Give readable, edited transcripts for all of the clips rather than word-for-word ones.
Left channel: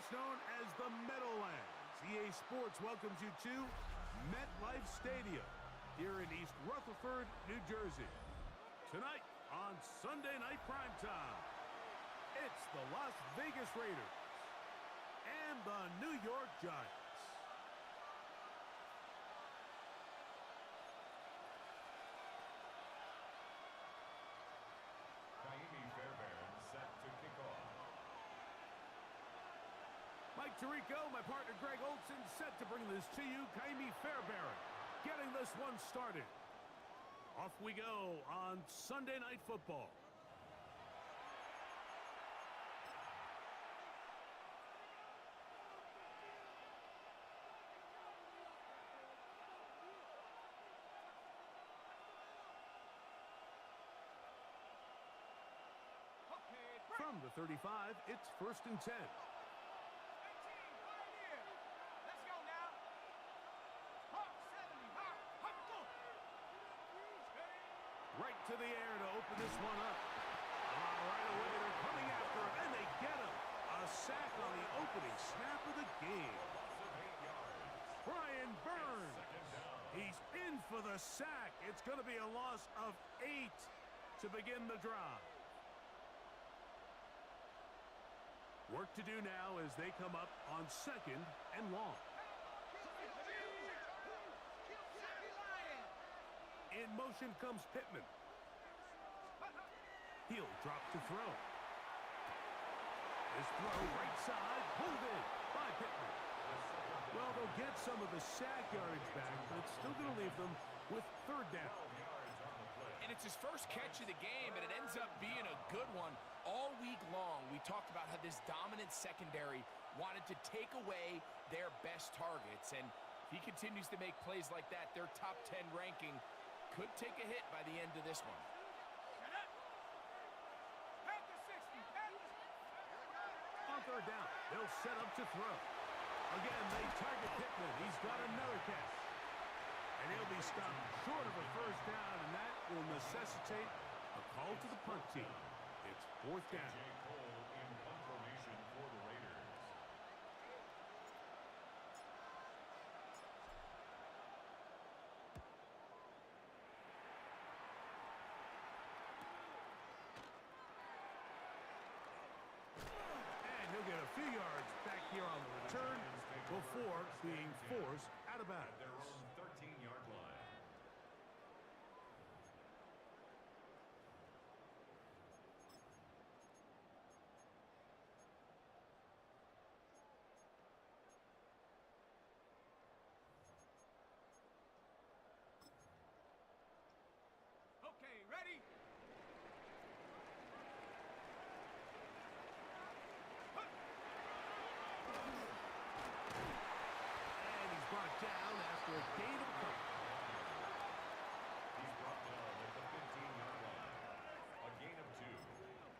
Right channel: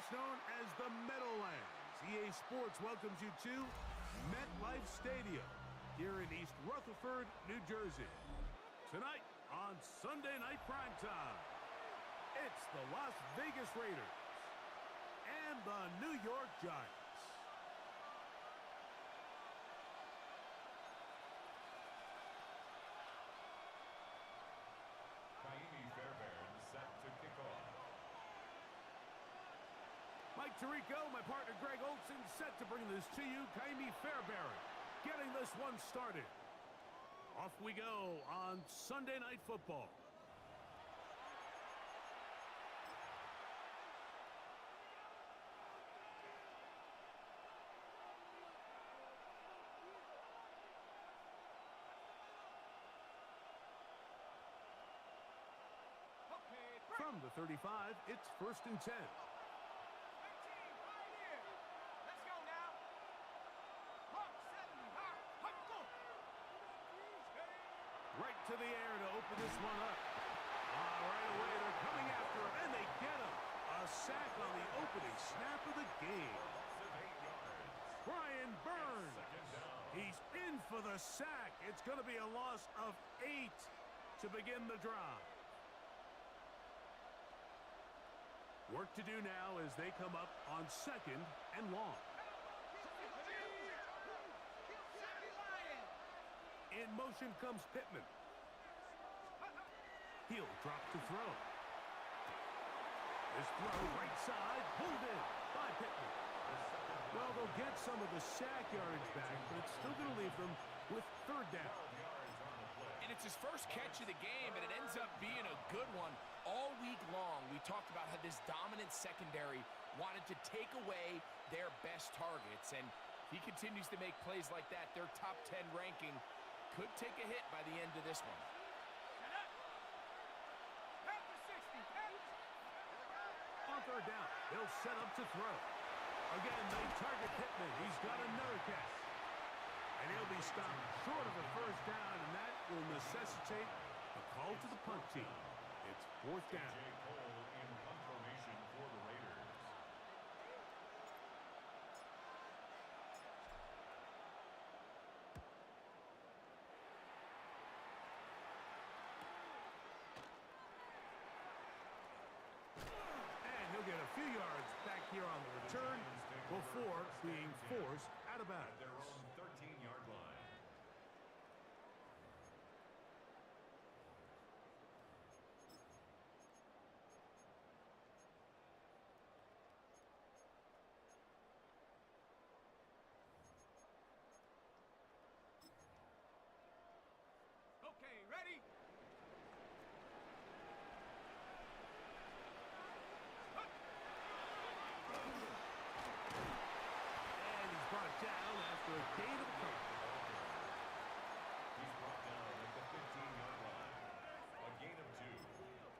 first known as the Meadowlands. EA Sports welcomes you to MetLife Stadium here in East Rutherford, New Jersey. Tonight on Sunday Night Primetime, it's the Las Vegas Raiders and the New York Giants. Fairbairn set to kick off. Mike Tirico, my partner Greg Olson, set to bring this to you. Kaimi Fairbairn getting this one started. Off we go on Sunday Night Football. From the 35, it's 1st and 10. 18, right here. Let's go now. Hawk 70, Hawk, go. Right to the air to open this one up. Right away, they're coming after him, and they get him. A sack on the opening snap of the game. Brian Burns. He's in for the sack. It's going to be a loss of 8 to begin the drive. Work to do now as they come up on 2nd and long. In motion comes Pittman. He'll drop to throw. His throw right side, pulled in by Pittman. Well, they'll get some of the sack yardage back, but it's still going to leave them with 3rd down. And it's his first catch of the game, and it ends up being a good one. All week long, we talked about how this dominant secondary wanted to take away their best targets. And if he continues to make plays like that, their top 10 ranking could take a hit by the end of this one. On 3rd down, they'll set up to throw. Again, they target Pittman. He's got another catch. And he'll be stopped short of a 1st down, and that will necessitate a call to the punt team. It's 4th down. J. Cole in punt formation for the Raiders. And he'll get a few yards back here on the return before being forced out of bounds. At their own 13-yard line. Okay, ready? And he's brought down after a gain of a couple. He's brought down at the 15-yard line. A gain of 2.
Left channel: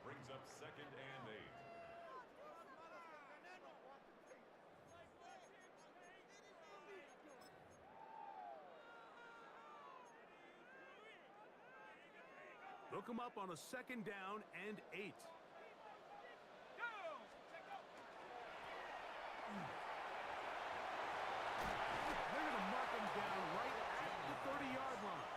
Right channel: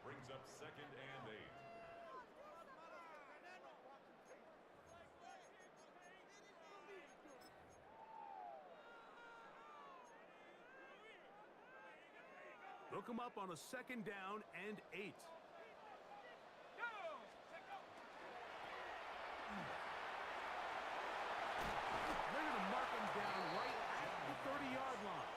Brings up 2nd and 8. They'll come up on a 2nd down and 8. They're going to mark him down right at the 30-yard line.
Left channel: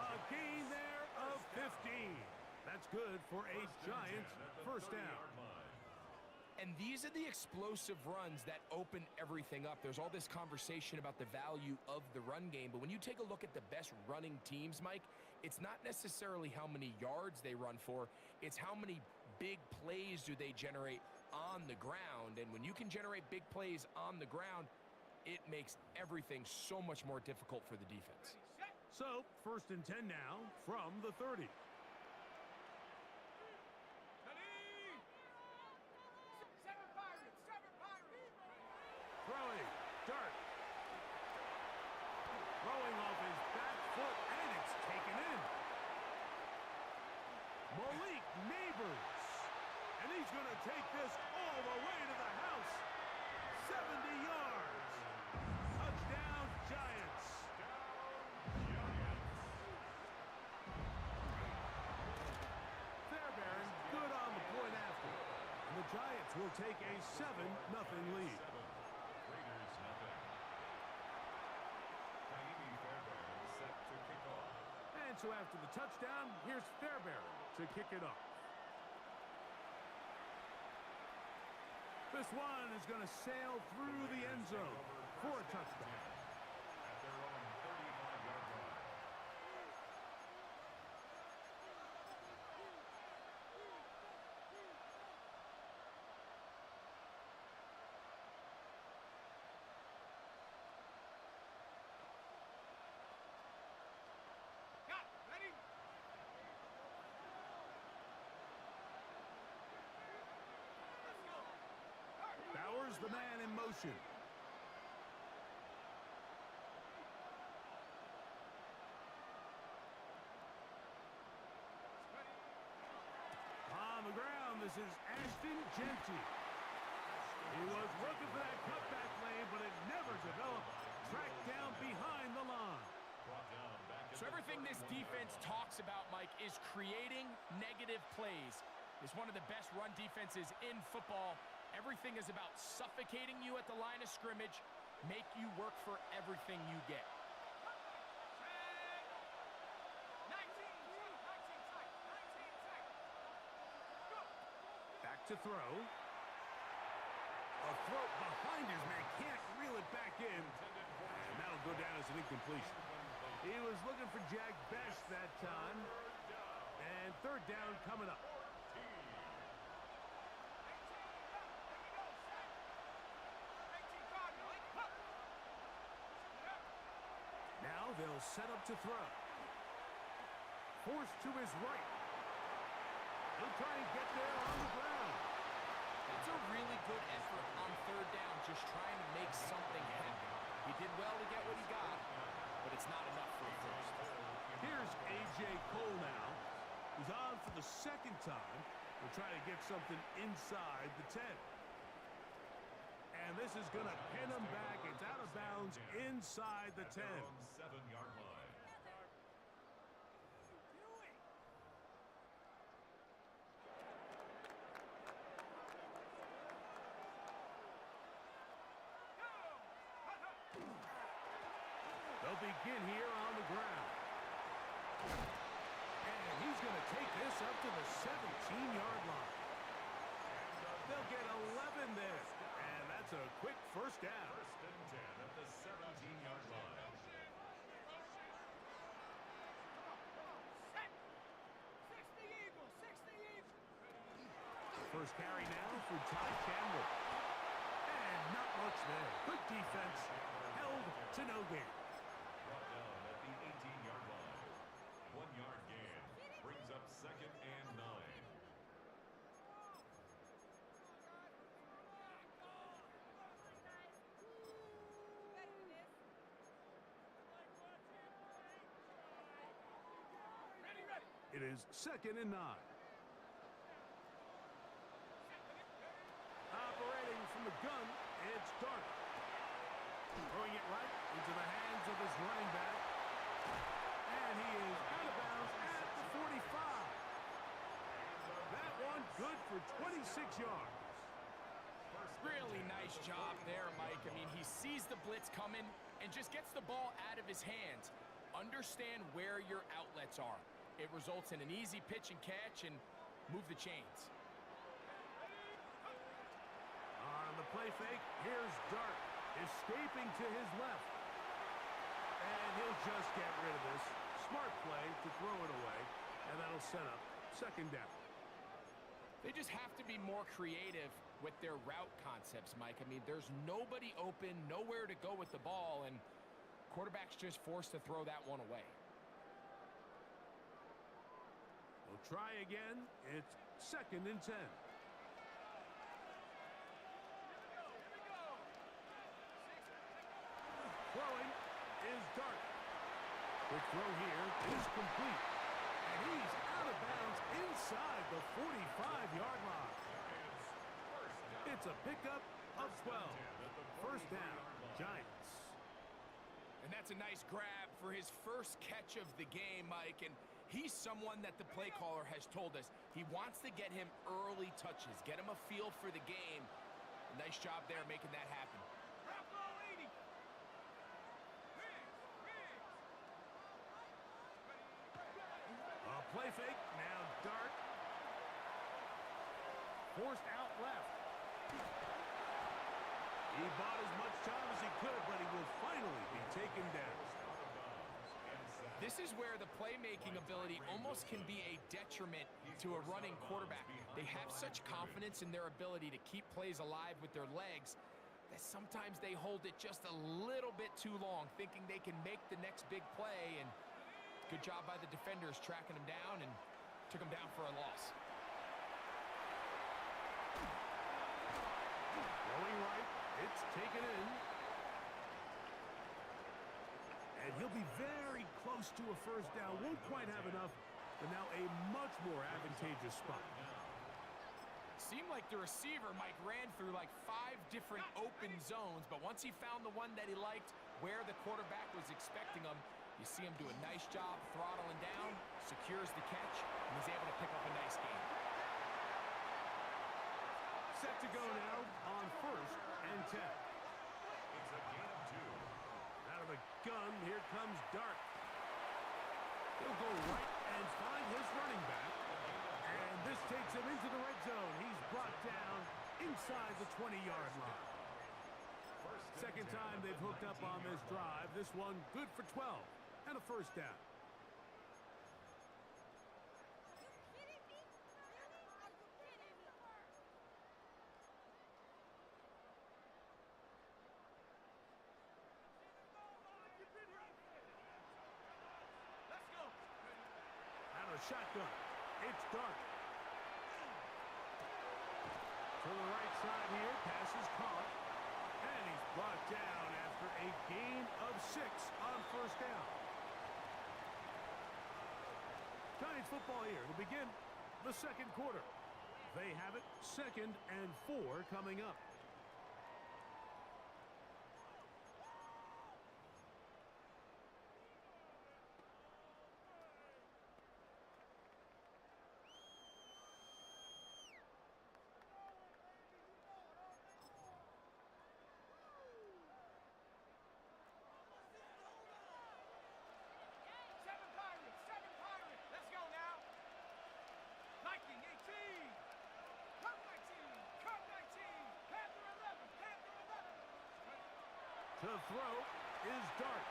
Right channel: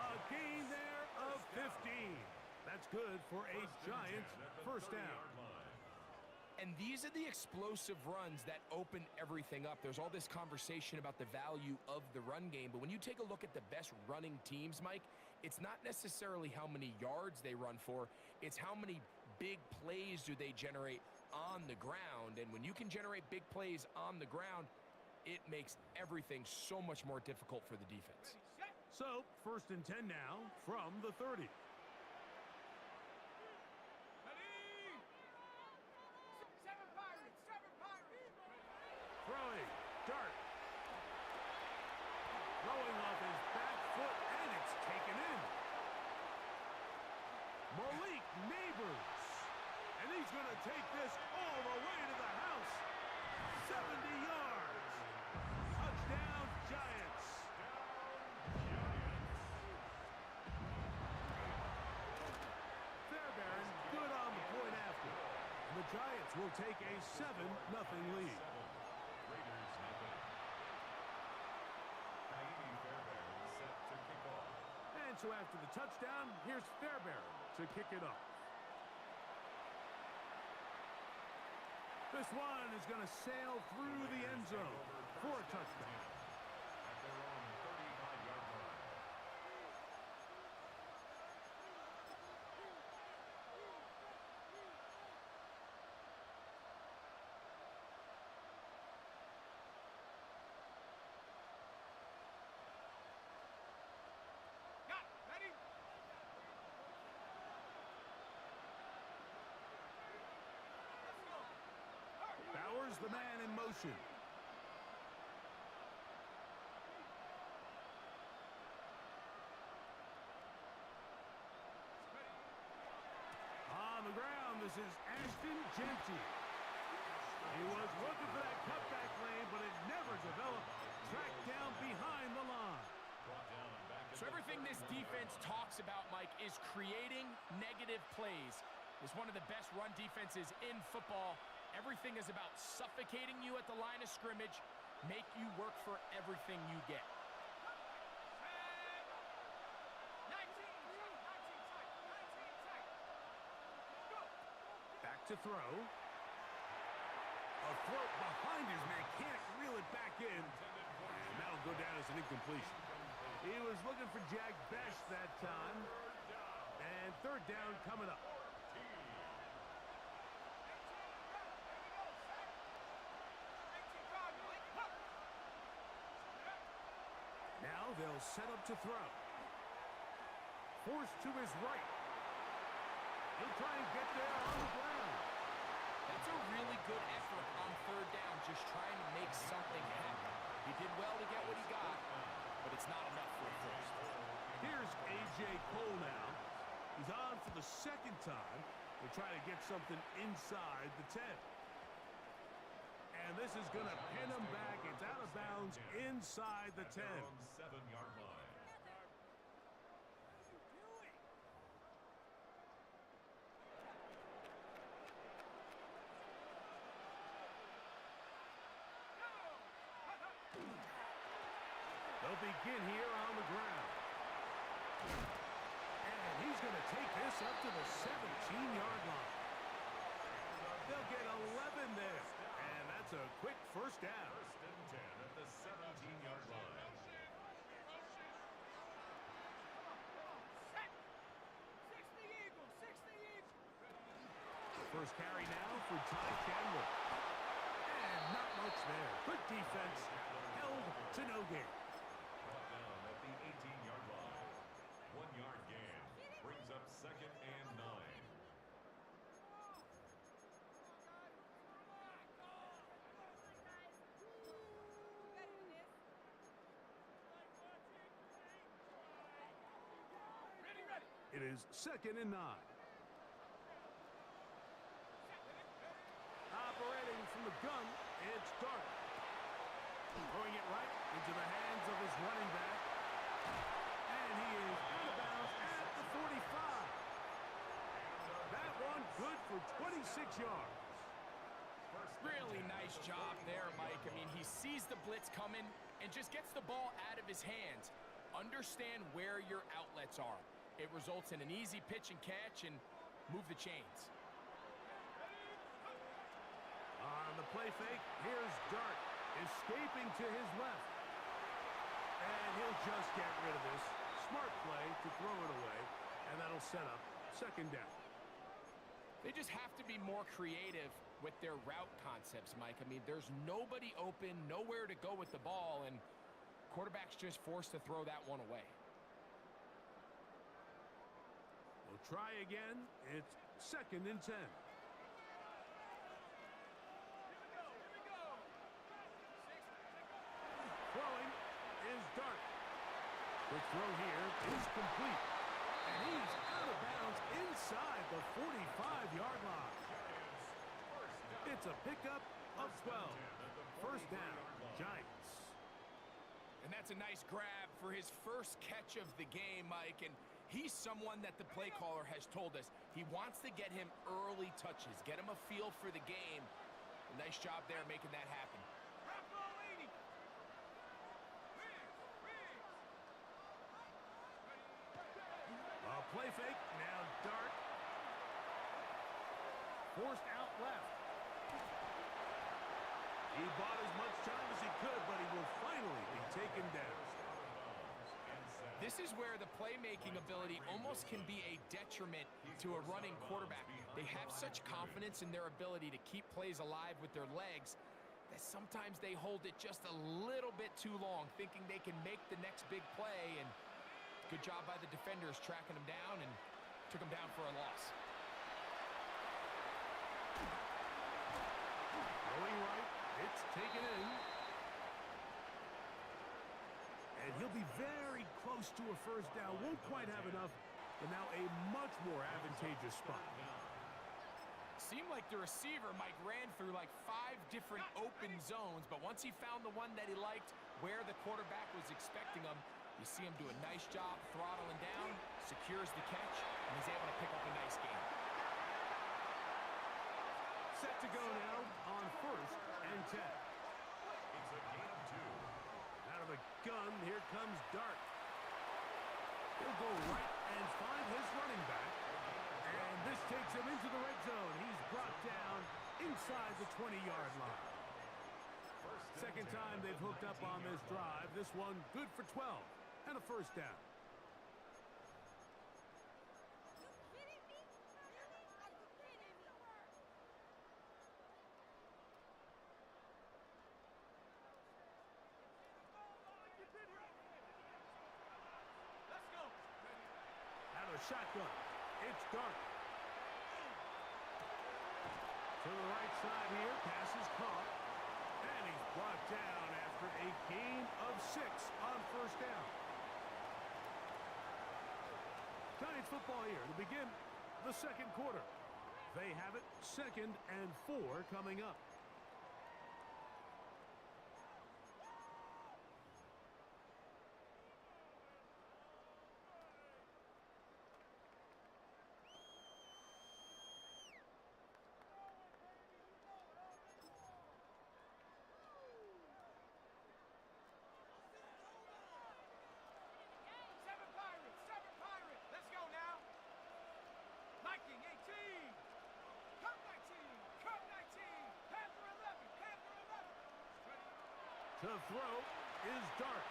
A gain there of 15. That's good for a Giants 1st down. And these are the explosive runs that open everything up. There's all this conversation about the value of the run game, but when you take a look at the best running teams, Mike, it's not necessarily how many yards they run for, it's how many big plays do they generate on the ground. And when you can generate big plays on the ground, it makes everything so much more difficult for the defense. So, 1st and 10 now from the 30. Throwing, dart. Throwing off his back foot, and it's taken in. Malik Neighbors. And he's going to take this all the way to the house. 70 yards. Touchdown, Giants. Fairbairn good on the point after. And the Giants will take a 7-0 lead. Raiders nothing. Kaimi Fairbairn set to kick off. And so after the touchdown, here's Fairbairn to kick it off. This one is going to sail through the end zone for a touchdown. At their own 35-yard line. Got it. Ready? Let's go. Hurry. Bowers, the man in motion. Ready. On the ground, this is Ashton Genty. He was looking for that cutback lane, but it never developed. Tracked down behind the line. Brought down back at So everything this defense talks about, Mike, is creating negative plays. It's one of the best run defenses in football. Everything is about suffocating you at the line of scrimmage, make you work for everything you get. Check. 19 tight. 19 tight. Go. Back to throw. A throw behind his man. Can't reel it back in. And that'll go down as an incompletion. He was looking for Jack Best that time. And third down coming up. 18. Here we go. Set. 18 guard, Mike. Up. Now they'll set up to throw. Forced to his right. He'll try and get there on the ground. That's a really good effort on third down, just trying to make something happen. He did well to get what he got, but it's not enough for a first. Here's A.J. Cole now. He's on for the second time. He'll try to get something inside the 10. And this is going to pin him back. It's out of bounds inside the 10. their own 7-yard line. They'll begin here on the ground. And he's going to take this up to the 17-yard line. They'll get 11 there. And that's a quick first down. First and 10 at the 17-yard line. Set. 60 Eagles. 60 Eagles. First carry now for Ty Chandler. And not much there. Good defense. Held to no gain. Brought down at the 18-yard line. 1-yard gain. Brings up second and 9. Ready, ready. It is second and 9. Operating from the gun, it's Dart. Throwing it right into the hands of his running back. And he is out of bounds at the 45. That one good for 26 yards. Really nice job there, Mike. I mean, he sees the blitz coming and just gets the ball out of his hands. Understand where your outlets are. It results in an easy pitch and catch and move the chains. On the play fake, here's Dart, escaping to his left. And he'll just get rid of this. Smart play to throw it away, and that'll set up second down. They just have to be more creative with their route concepts, Mike. I mean, there's nobody open, nowhere to go with the ball, and quarterback's just forced to throw that one away. We'll try again. It's second and 10. Here we go. 6. Throwing is Dart. Quick throw here is complete. And he's out of bounds inside the 45-yard line. It's a pickup of 12. First down, Giants. And that's a nice grab for his first catch of the game, Mike. And He's someone that the play caller has told us he wants to get him early touches, get him a feel for the game. Nice job there making that happen. A play fake, now Dart. Forced out left. He bought as much time as he could, but he will finally be taken down. This is where the playmaking ability almost can be a detriment to a running quarterback. They have such confidence in their ability to keep plays alive with their legs that sometimes they hold it just a little bit too long, thinking they can make the next big play. And good job by the defenders tracking him down and took him down for a loss. Throwing right, it's taken in. And he'll be very close to a first down. Won't quite have enough, but now a much more advantageous spot. Seemed like the receiver, Mike, ran through like 5 different open zones, but once he found the one that he liked where the quarterback was expecting him, you see him do a nice job throttling down, secures the catch, and he's able to pick up a nice gain. Set to go now on 1st and 10. It's a gain of 2. Out of the gun, here comes Dart. He'll go right and find his running back. And this takes him into the red zone. He's brought down inside the 20-yard line. Second time they've hooked up on this drive. This one good for 12 and a first down. Let's go. Out of shotgun, it's Dart. To the right side here, pass is caught. And he's brought down after a gain of 6 on first down. Giants football here to begin the second quarter. They have it 2nd and 4 coming up. Seven Pirates. Let's go now. Viking 18. Cup 19. Cup 19. Panther 11. Panther 11. To throw is Dart.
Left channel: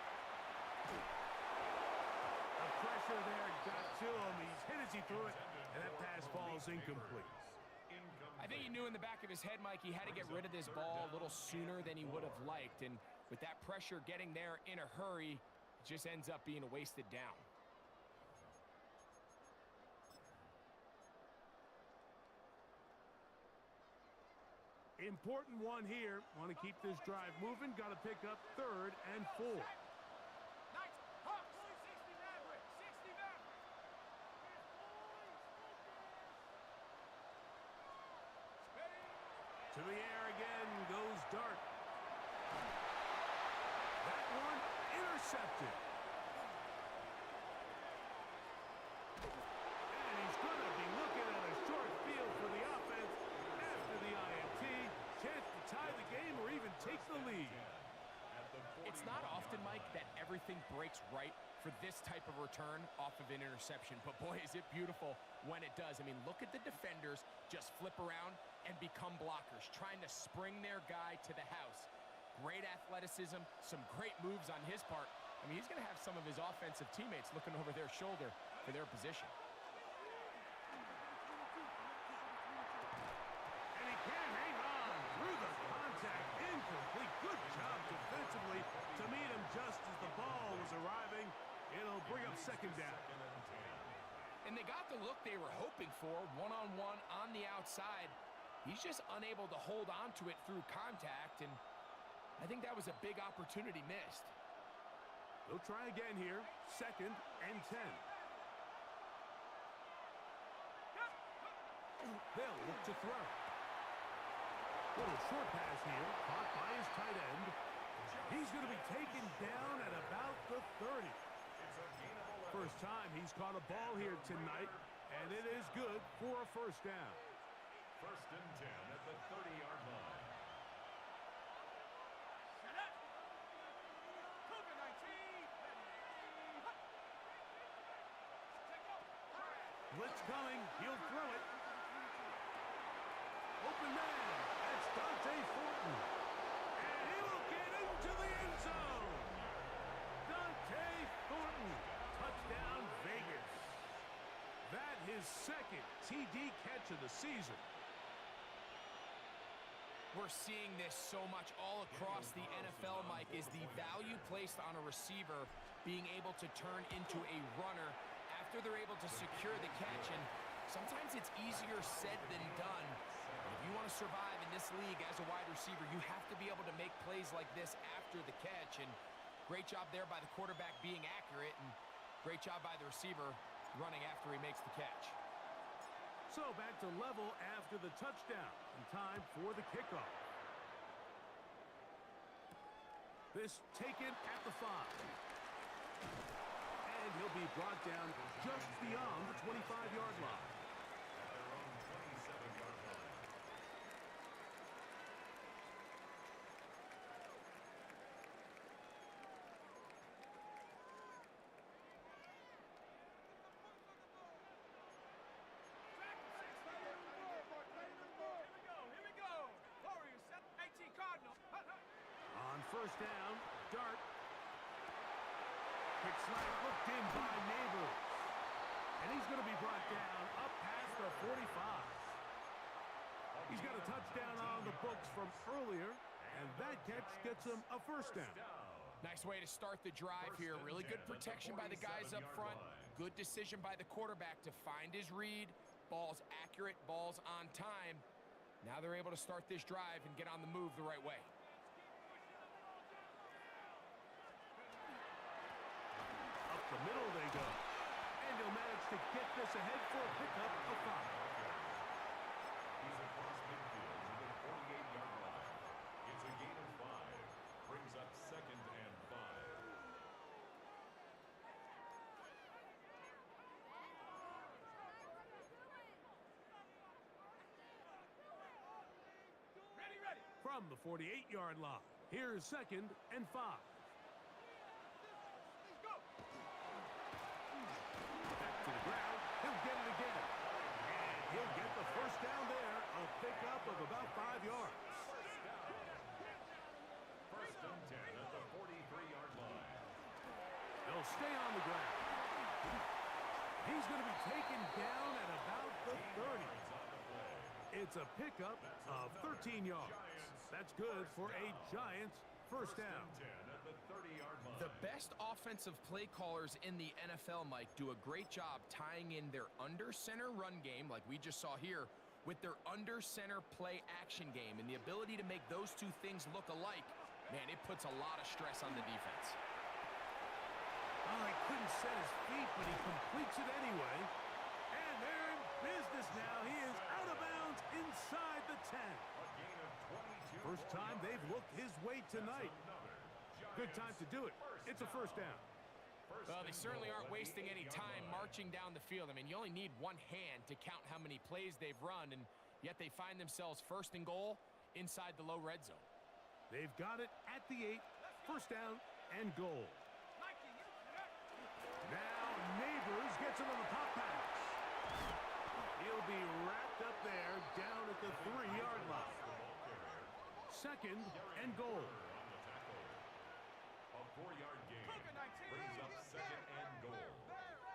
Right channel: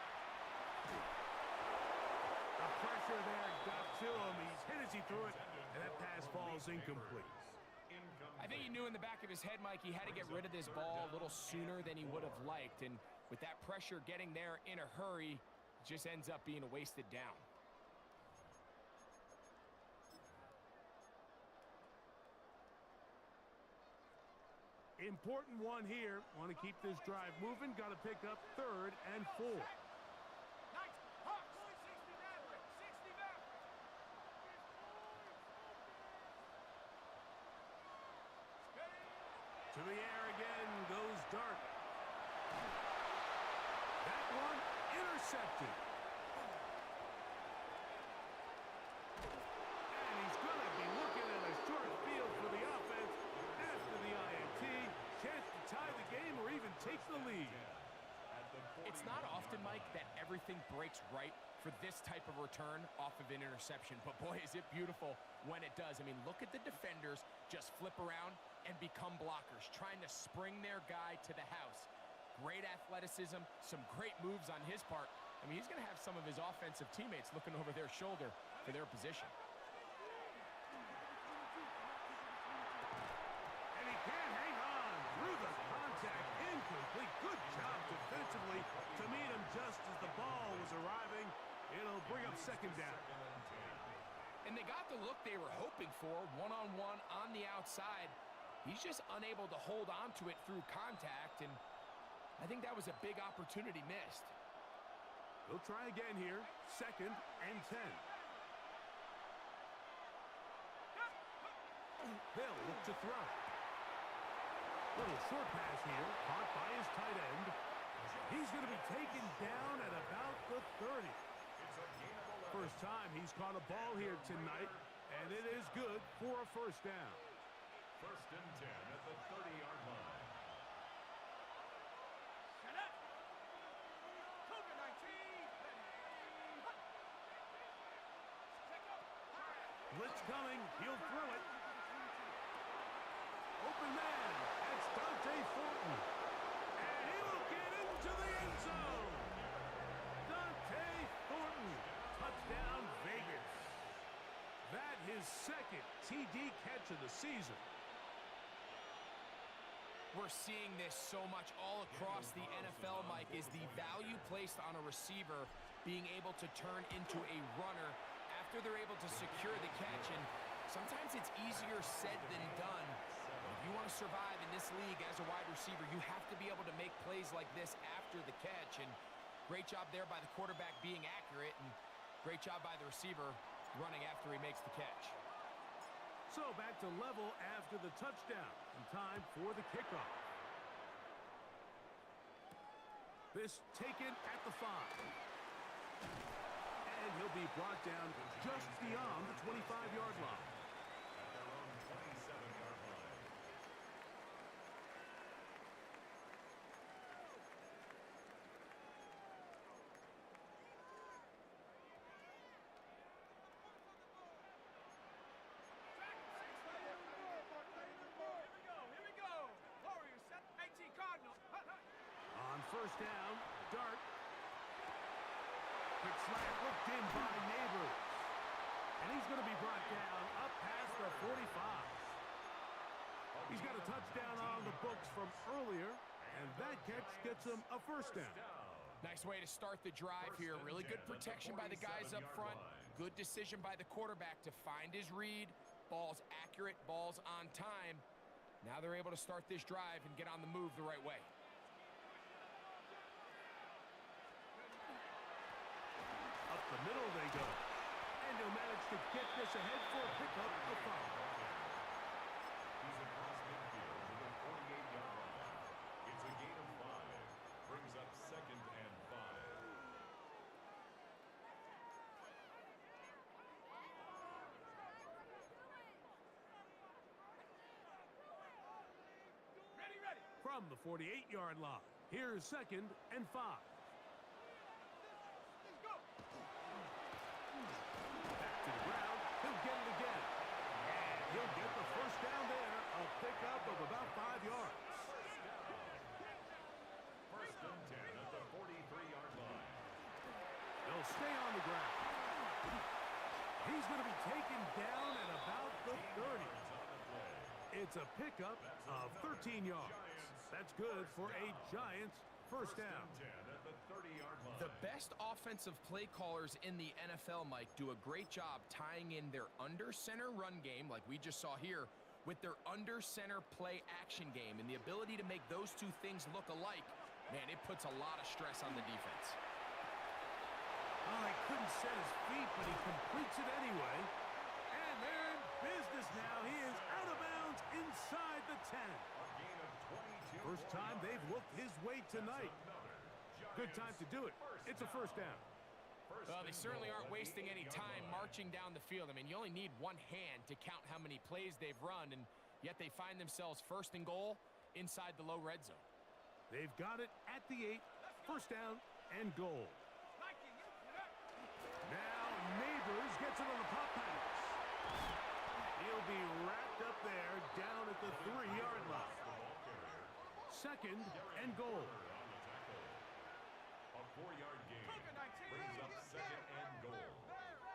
The pressure there got to him. He's hit as he threw it, and that pass falls incomplete. I think he knew in the back of his head, Mike, he had to get rid of this ball a little sooner than he would have liked. And with that pressure getting there in a hurry, it just ends up being a wasted down. Important one here. Want to keep this drive moving. Got to pick up 3rd and 4. Knights. Hawks. 60 Mavericks. 60 Mavericks. To the air again goes Dart. That one intercepted. And he's going to be looking at a short field for the offense after the INT. Chance to tie the game or even take the lead. It's not often, Mike, that everything breaks right for this type of return off of an interception. But boy, is it beautiful when it does. I mean, look at the defenders just flip around and become blockers, trying to spring their guy to the house. Great athleticism, some great moves on his part. I mean, he's going to have some of his offensive teammates looking over their shoulder for their position. And he can't hang on through the contact. Incomplete. Good job defensively to meet him just as the ball was arriving. It'll bring up 2nd down. And they got the look they were hoping for, one-on-one on the outside. He's just unable to hold on to it through contact, and I think that was a big opportunity missed. They'll try again here. 2nd and 10. They'll look to throw. Little short pass here, caught by his tight end. He's going to be taken down at about the 30. First time he's caught a ball here tonight, and it is good for a first down. 1st and 10 at the 30-yard line. Set up. Cougar 19. Check out. Blitz coming. He'll throw it. Open man. That's Dante Thornton. And he will get into the end zone. Dante Thornton. Touchdown, Vegas. That his second TD catch of the season. We're seeing this so much all across the NFL, Mike, is the value placed on a receiver being able to turn into a runner after they're able to secure the catch. And sometimes it's easier said than done. But if you want to survive in this league as a wide receiver, you have to be able to make plays like this after the catch. And great job there by the quarterback being accurate, and great job by the receiver running after he makes the catch. So back to level after the touchdown, and time for the kickoff. This taken at the 5. And he'll be brought down just beyond the 25-yard line. At their own 27-yard line. Here we go. Warriors set 18 Cardinal. On first down, Dart. Quick slant looked in by Neighbors. And he's going to be brought down up past the 45. He's got a touchdown on the books from earlier, and that catch gets him a first down. Nice way to start the drive here. Really good protection by the guys up front. Good decision by the quarterback to find his read. Ball's accurate, ball's on time. Now they're able to start this drive and get on the move the right way. Up the middle they go. And he'll manage to get this ahead for a pickup of 5. He's across midfield to the 48-yard line. It's a gain of 5. Brings up 2nd and 5. Ready. From the 48-yard line, here's 2nd and 5. Let's go. Back to the ground. He'll get it again. And he'll get the first down there. A pickup of about 5 yards. First and 10 at the 43-yard line. They'll stay on the ground. He's going to be taken down at about the 30. On the play. It's a pickup of 13 yards. That's good for a Giants first down. 10 at the 30-yard line. The best offensive play callers in the NFL, Mike, do a great job tying in their under-center run game, like we just saw here, with their under-center play action game. And the ability to make those two things look alike, man, it puts a lot of stress on the defense. Oh, he couldn't set his feet, but he completes it anyway. And they're in business now. He is out of bounds inside the 10. A gain of 22. First time they've looked his way tonight. Good time to do it. It's a first down. Well, they certainly aren't wasting any time marching down the field. I mean, you only need one hand to count how many plays they've run, and yet they find themselves 1st and goal inside the low red zone. They've got it at the 8. First down and goal. Now Neighbors gets it on the pop pass. He'll be wrapped up there down at the 3-yard line. 2nd and goal. On the tackle. A 4-yard gain. Brings up 2nd and goal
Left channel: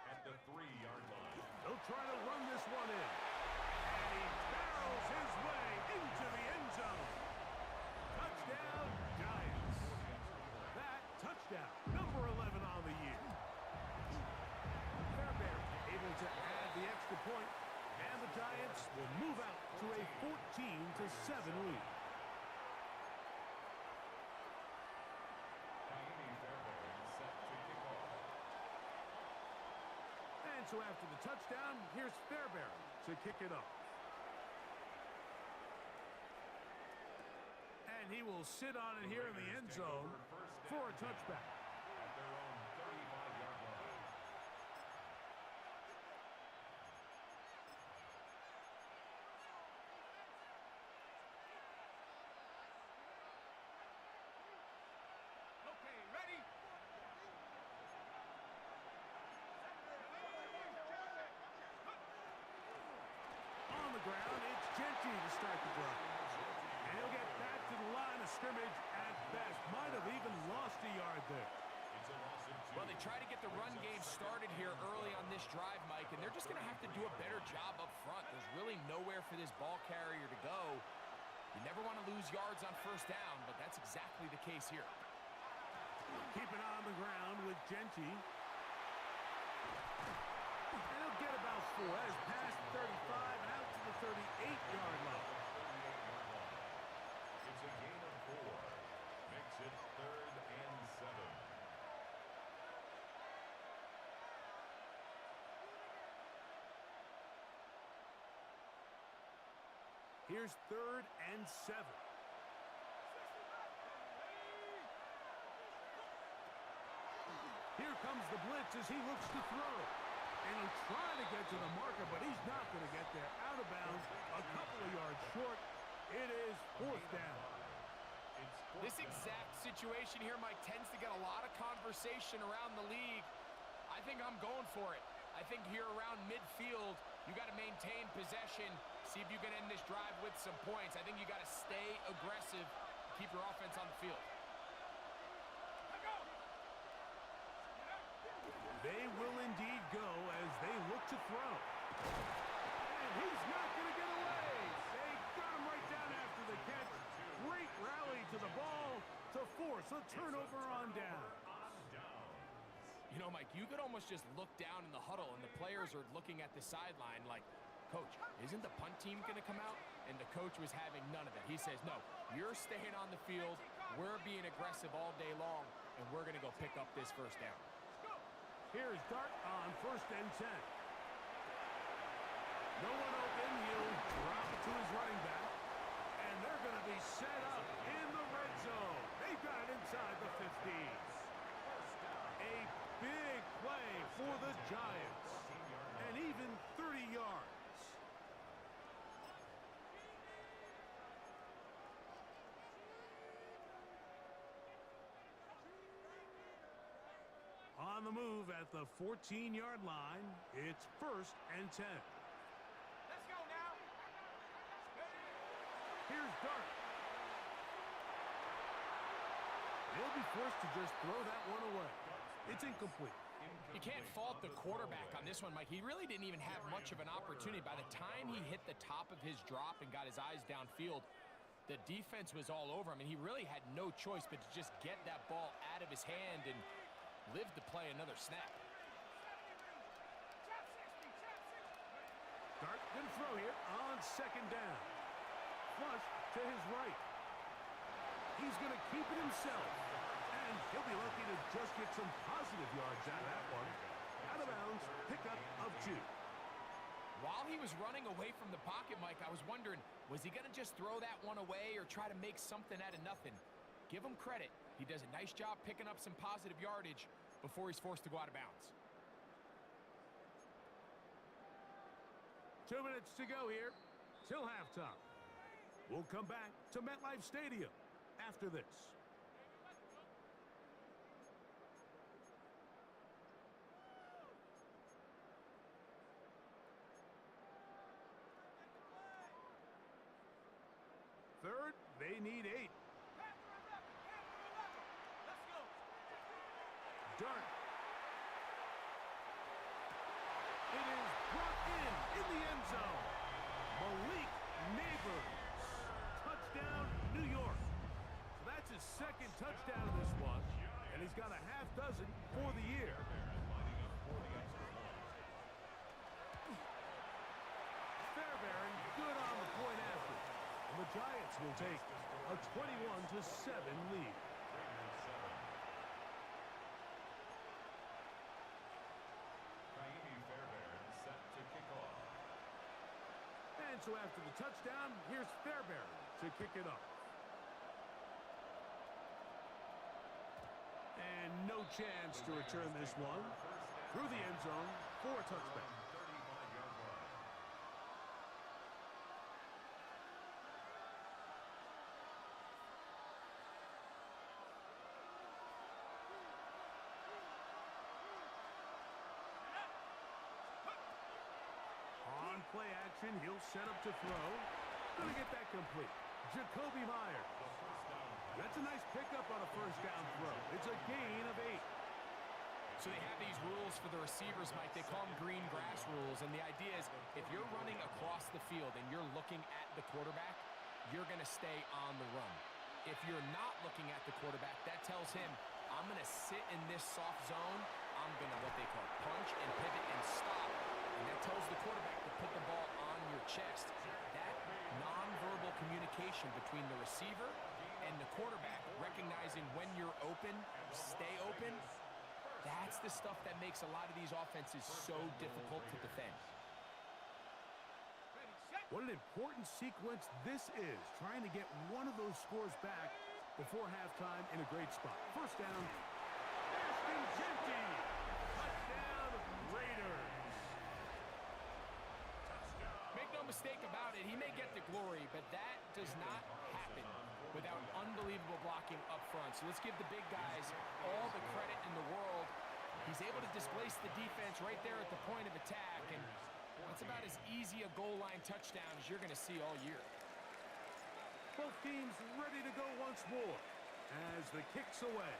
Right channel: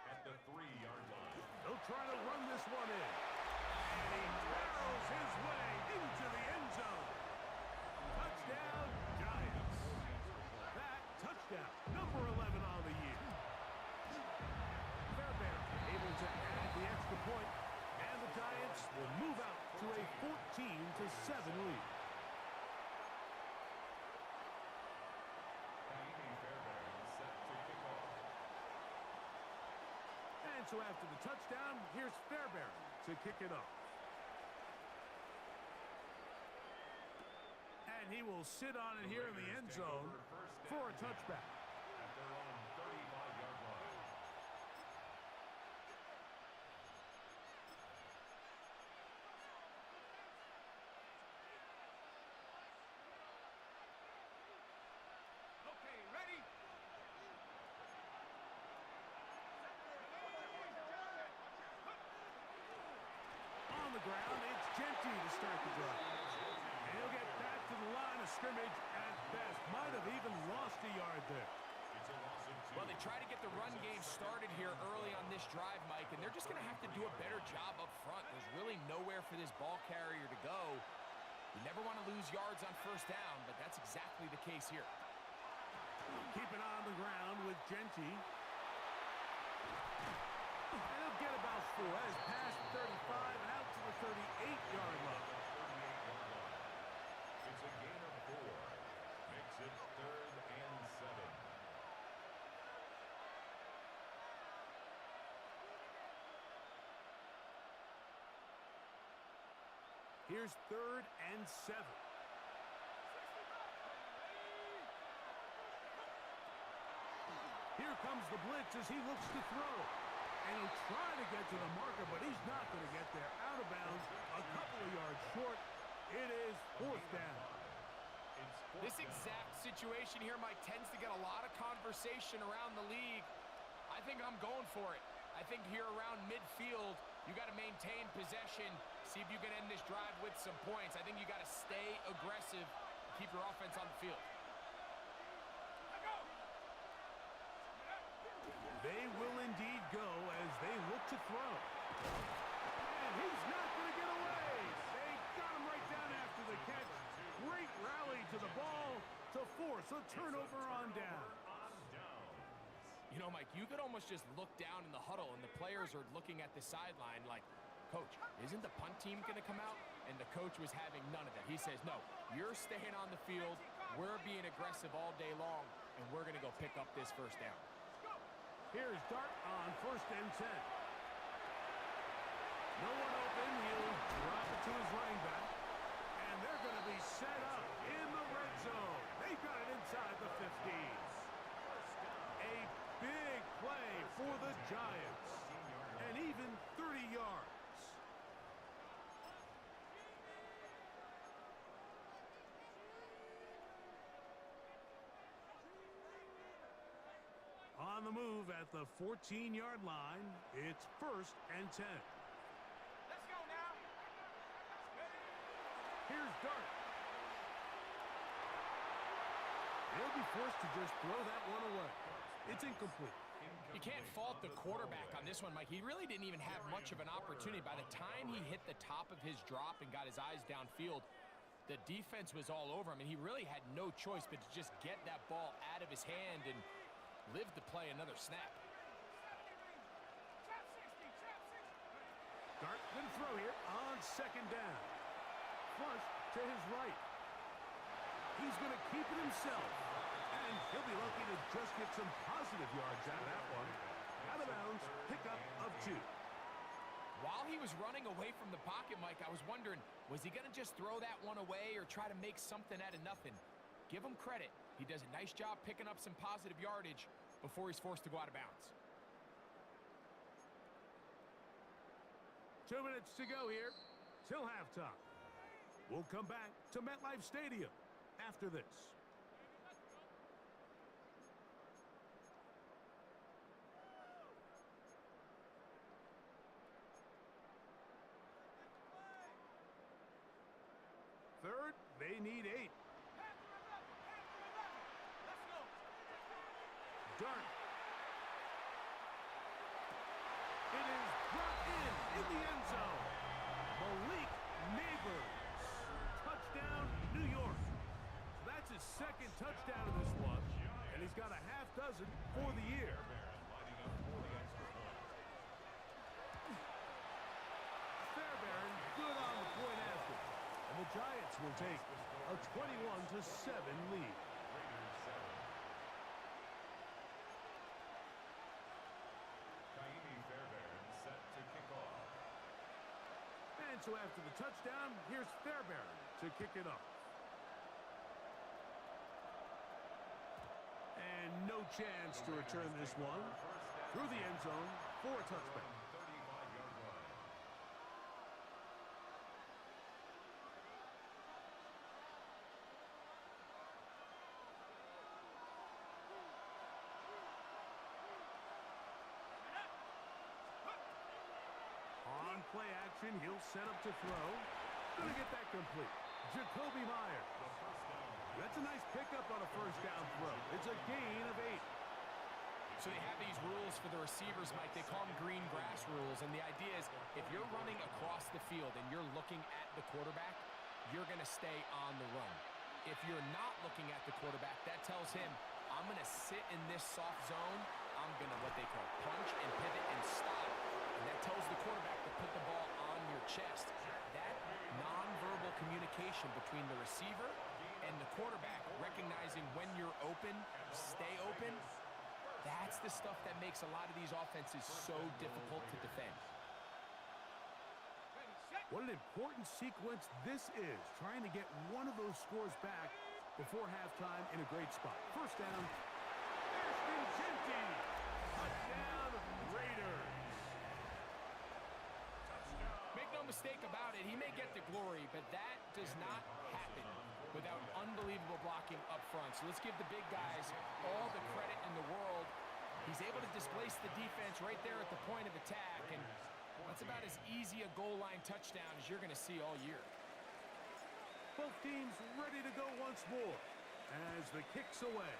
at the 3-yard line. They'll try to run this one in. And he barrels his way into the end zone. Touchdown, Giants. That touchdown, number 11 on the year. Fairbairn able to add the extra point, and the Giants will move out to a 14-7 lead. Set to kick off. And so after the touchdown, here's Fairbairn to kick it off. And he will sit on it here in the end zone for a touchback. At their own 35-yard line. ground. It's Genty to start the drive. And he'll get back to the line of scrimmage at best. Might have even lost a yard there. It's a loss of 2. Well, they try to get the run game started here early on this drive, Mike, and they're just going to have to do a better job up front. There's really nowhere for this ball carrier to go. You never want to lose yards on first down, but that's exactly the case here. Keep it on the ground with Genty. And he'll get about 4 as past 35 and out to the 38-yard line. It's a gain of 4. Makes it 3rd and 7. Here's 3rd and 7. Here comes the blitz as he looks to throw. And he'll try to get to the marker, but he's not going to get there. Out of bounds, a couple of yards short. It is 4th down. This exact situation here, Mike, tends to get a lot of conversation around the league. I think I'm going for it. I think here around midfield, you got to maintain possession, see if you can end this drive with some points. I think you got to stay aggressive, keep your offense on the field. They will indeed go as they look to throw. And he's not going to get away. They got him right down after the catch. Great rally to the ball to force a turnover on down. You know, Mike, you could almost just look down in the huddle, and the players are looking at the sideline like, Coach, isn't the punt team going to come out? And the coach was having none of it. He says, no, you're staying on the field. We're being aggressive all day long, and we're going to go pick up this first down. Here's Dart on 1st and 10. No one open. He'll drop it to his running back. And they're going to be set up in the red zone. They've got it inside the 15. A big play for the Giants. And even 30 yards. On the move at the 14-yard line, it's 1st and 10. Let's go now. Here's Dart. He'll be forced to just throw that one away. It's incomplete. You can't fault the quarterback on this one, Mike. He really didn't even have much of an opportunity. By the time he hit the top of his drop and got his eyes downfield, the defense was all over him, and he really had no choice but to just get that ball out of his hand and live to play another snap. Dart gonna throw here on 2nd down. Flush to his right. He's gonna keep it himself. And he'll be lucky to just get some positive yards out of that one. Out of bounds, pickup of 2. While he was running away from the pocket, Mike, I was wondering, was he gonna just throw that one away or try to make something out of nothing? Give him credit. He does a nice job picking up some positive yardage before he's forced to go out of bounds. 2 minutes to go here till halftime. We'll come back to MetLife Stadium after this. Third, they need 8. Let's go. Dart. It is brought in the end zone. Malik Neighbors. Touchdown, New York. So that's his 2nd touchdown of this one, and he's got a half dozen for the year. Fairbairn good on the point after. And the Giants will take a 21-7 lead. And so after the touchdown, here's Fairbairn to kick it off. And no chance to return this one through the end zone for a touchback. On play action. He'll set up to throw. Gonna get that complete. Jacoby Myers. That's a nice pickup on a first down throw. It's a gain of 8. So they have these rules for the receivers, Mike. They call them green grass rules. And the idea is if you're running across the field and you're looking at the quarterback, you're going to stay on the run. If you're not looking at the quarterback, that tells him, I'm going to sit in this soft zone. I'm going to what they call punch and pivot and stop. And that tells the quarterback to put the ball on your chest. That nonverbal communication between the receiver and the quarterback, recognizing when you're open, stay open, that's the stuff that makes a lot of these offenses so difficult to defend. What an important sequence this is, trying to get one of those scores back before halftime in a great spot. First down, Ashton Genty. Touchdown, Raiders. Make no mistake about it, he may get the glory, but that does not happen without unbelievable blocking up front. So let's give the big guys all the credit in the world. He's able to displace the defense right there at the point of attack, and that's about as easy a goal line touchdown as you're going to see all year. Both teams ready to go once more as the kick's away.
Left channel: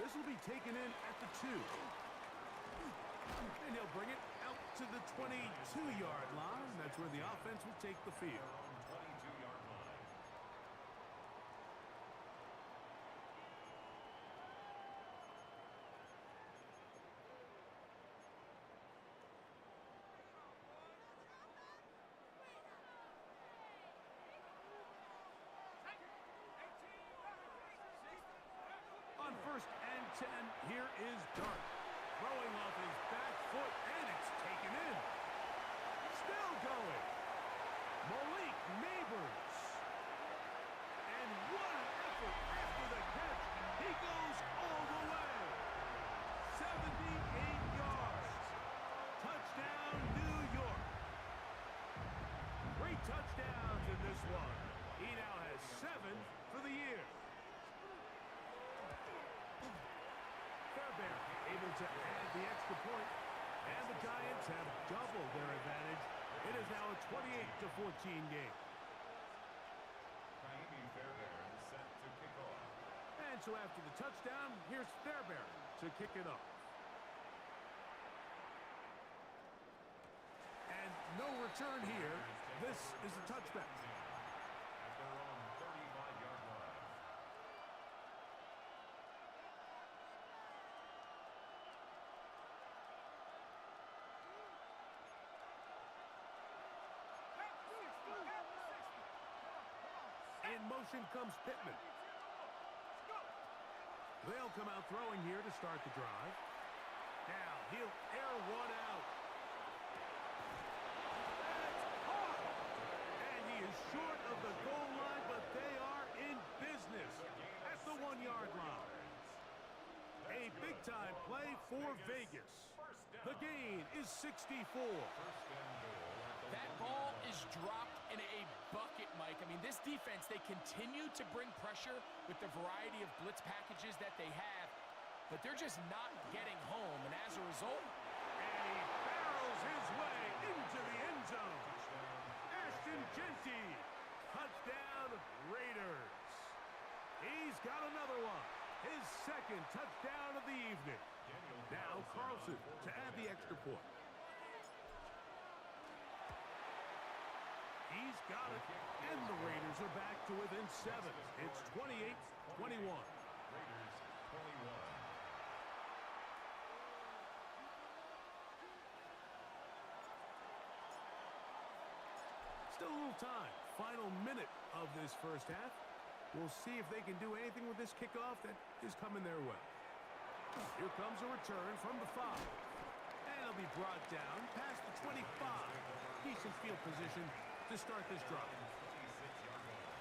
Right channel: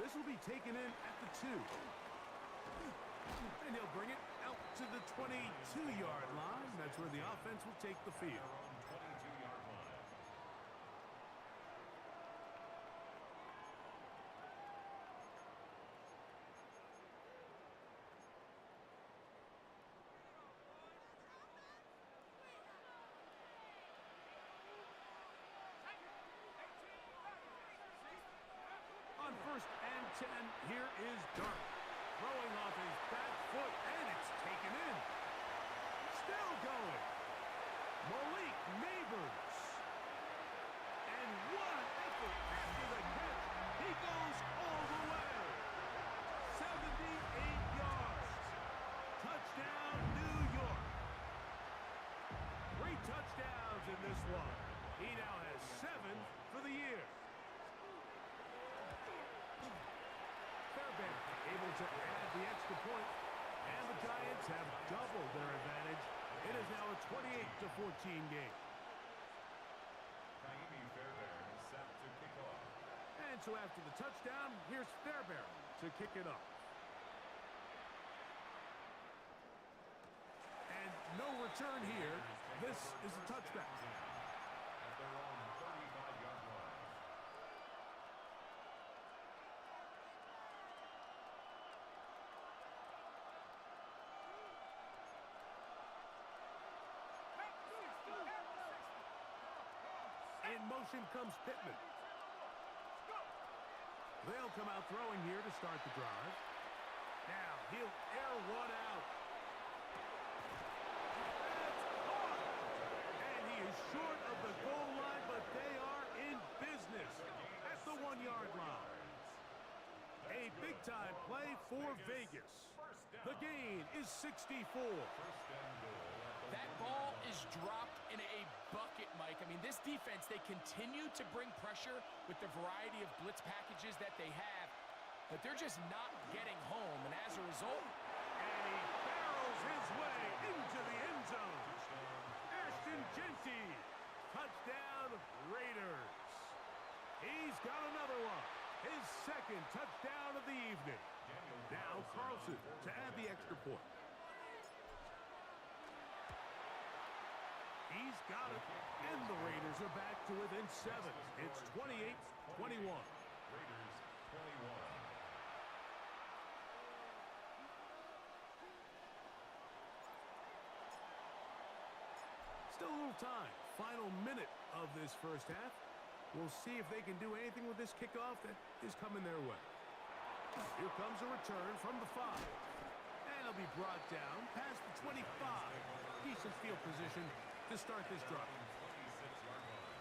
This will be taken in at the 2. And he'll bring it out to the 22-yard line. That's where the offense will take the field. On 1st and 10, here is Dart. Throwing off his back foot, and it's taken in. Still going. Malik Neighbors. And what an effort after the catch. He goes all the way. 78 yards. Touchdown, New York. 3 touchdowns in this one. He now has 7 for the year. Fairbairn able to add the extra point, and the Giants have doubled their advantage. It is now a 28-14 game. Fairbairn set to kick off. And so after the touchdown, here's Fairbairn to kick it off. And no return here. This is a touchback. At their own 35-yard line. In motion comes Pittman. They'll come out throwing here to start the drive. Now he'll air one out. That's caught! And he is short of the goal line, but they are in business at the 1-yard line. A big-time play for Vegas. The gain is 64. That ball is dropped in a bucket, Mike. I mean, this defense, they continue to bring pressure with the variety of blitz packages that they have, but they're just not getting home. And as a result, and he barrels his way into the end zone. Ashton Genty, touchdown Raiders. He's got another one. His second touchdown of the evening. Now Carlson to add the extra point. He's got it, and the Raiders are back to within 7. It's 28-21. Raiders 21. Still a little time. Final minute of this first half. We'll see if they can do anything with this kickoff that is coming their way. Here comes a return from the 5. And it'll be brought down past the 25. Decent field position to start this drive. 26-yard line.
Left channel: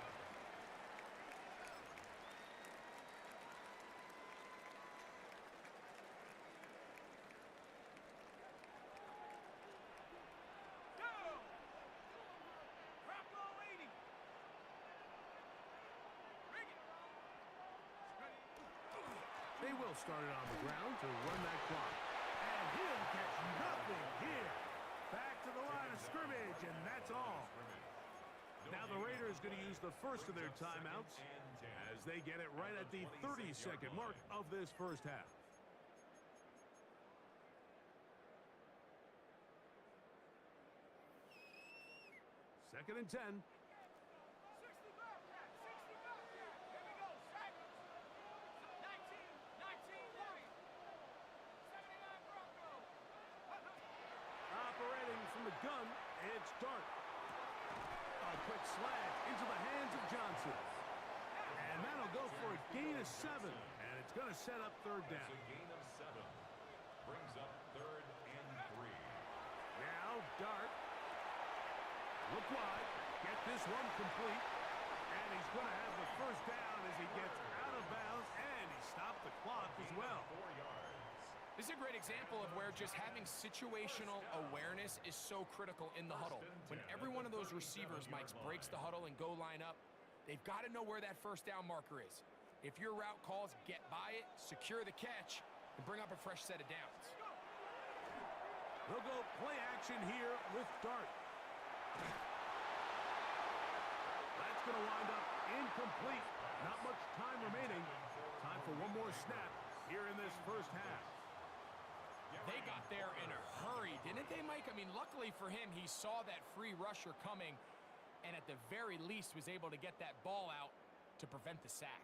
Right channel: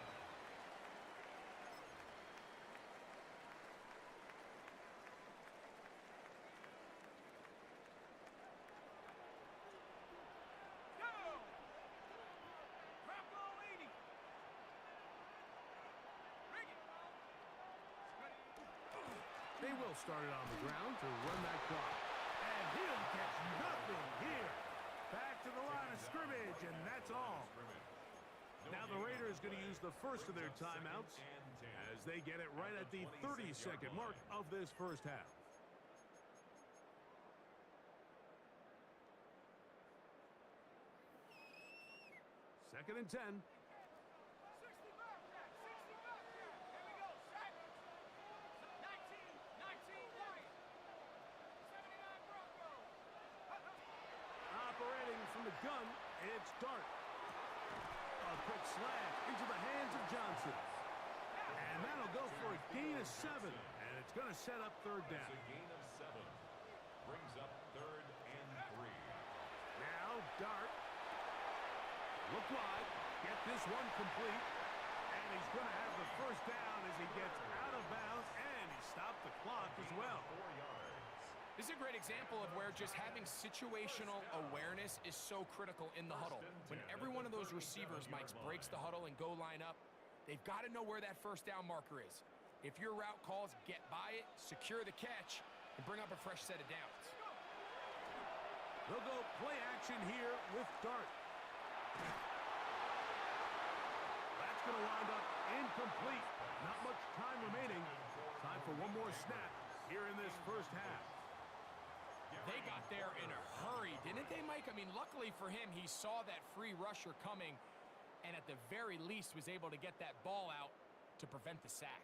They will start it on the ground to run that clock. And He'll catch nothing here. Back to the line of scrimmage, and that's all. Now the Raiders going to use the first of their timeouts as they get it right at the 30-second mark of this first half. Second and 10. 60 Bobcat, 60 Bobcat. Here we go, set. 19 Lions. 79 Broncos. Operating from the gun, it's Dart. A quick slant into the hands of Johnson. And that'll go for a gain of 7. And it's going to set up third down. That's a gain of 7. Brings up third and 3. Now Dart. Look wide. Get this one complete. And he's going to have the first down as he gets out of bounds. And he stopped the clock as well. 4 yards. This is a great example of where just having situational awareness is so critical in the huddle. When every one of those receivers, Mike, breaks the huddle and go line up, they've got to know where that first down marker is. If your route calls, get by it, secure the catch, and bring up a fresh set of downs. They'll go play action here with Dart. That's going to wind up incomplete. Not much time remaining. Time for one more snap here in this first half. They got there in a hurry, didn't they, Mike? I mean, luckily for him, he saw that free rusher coming and at the very least was able to get that ball out to prevent the sack.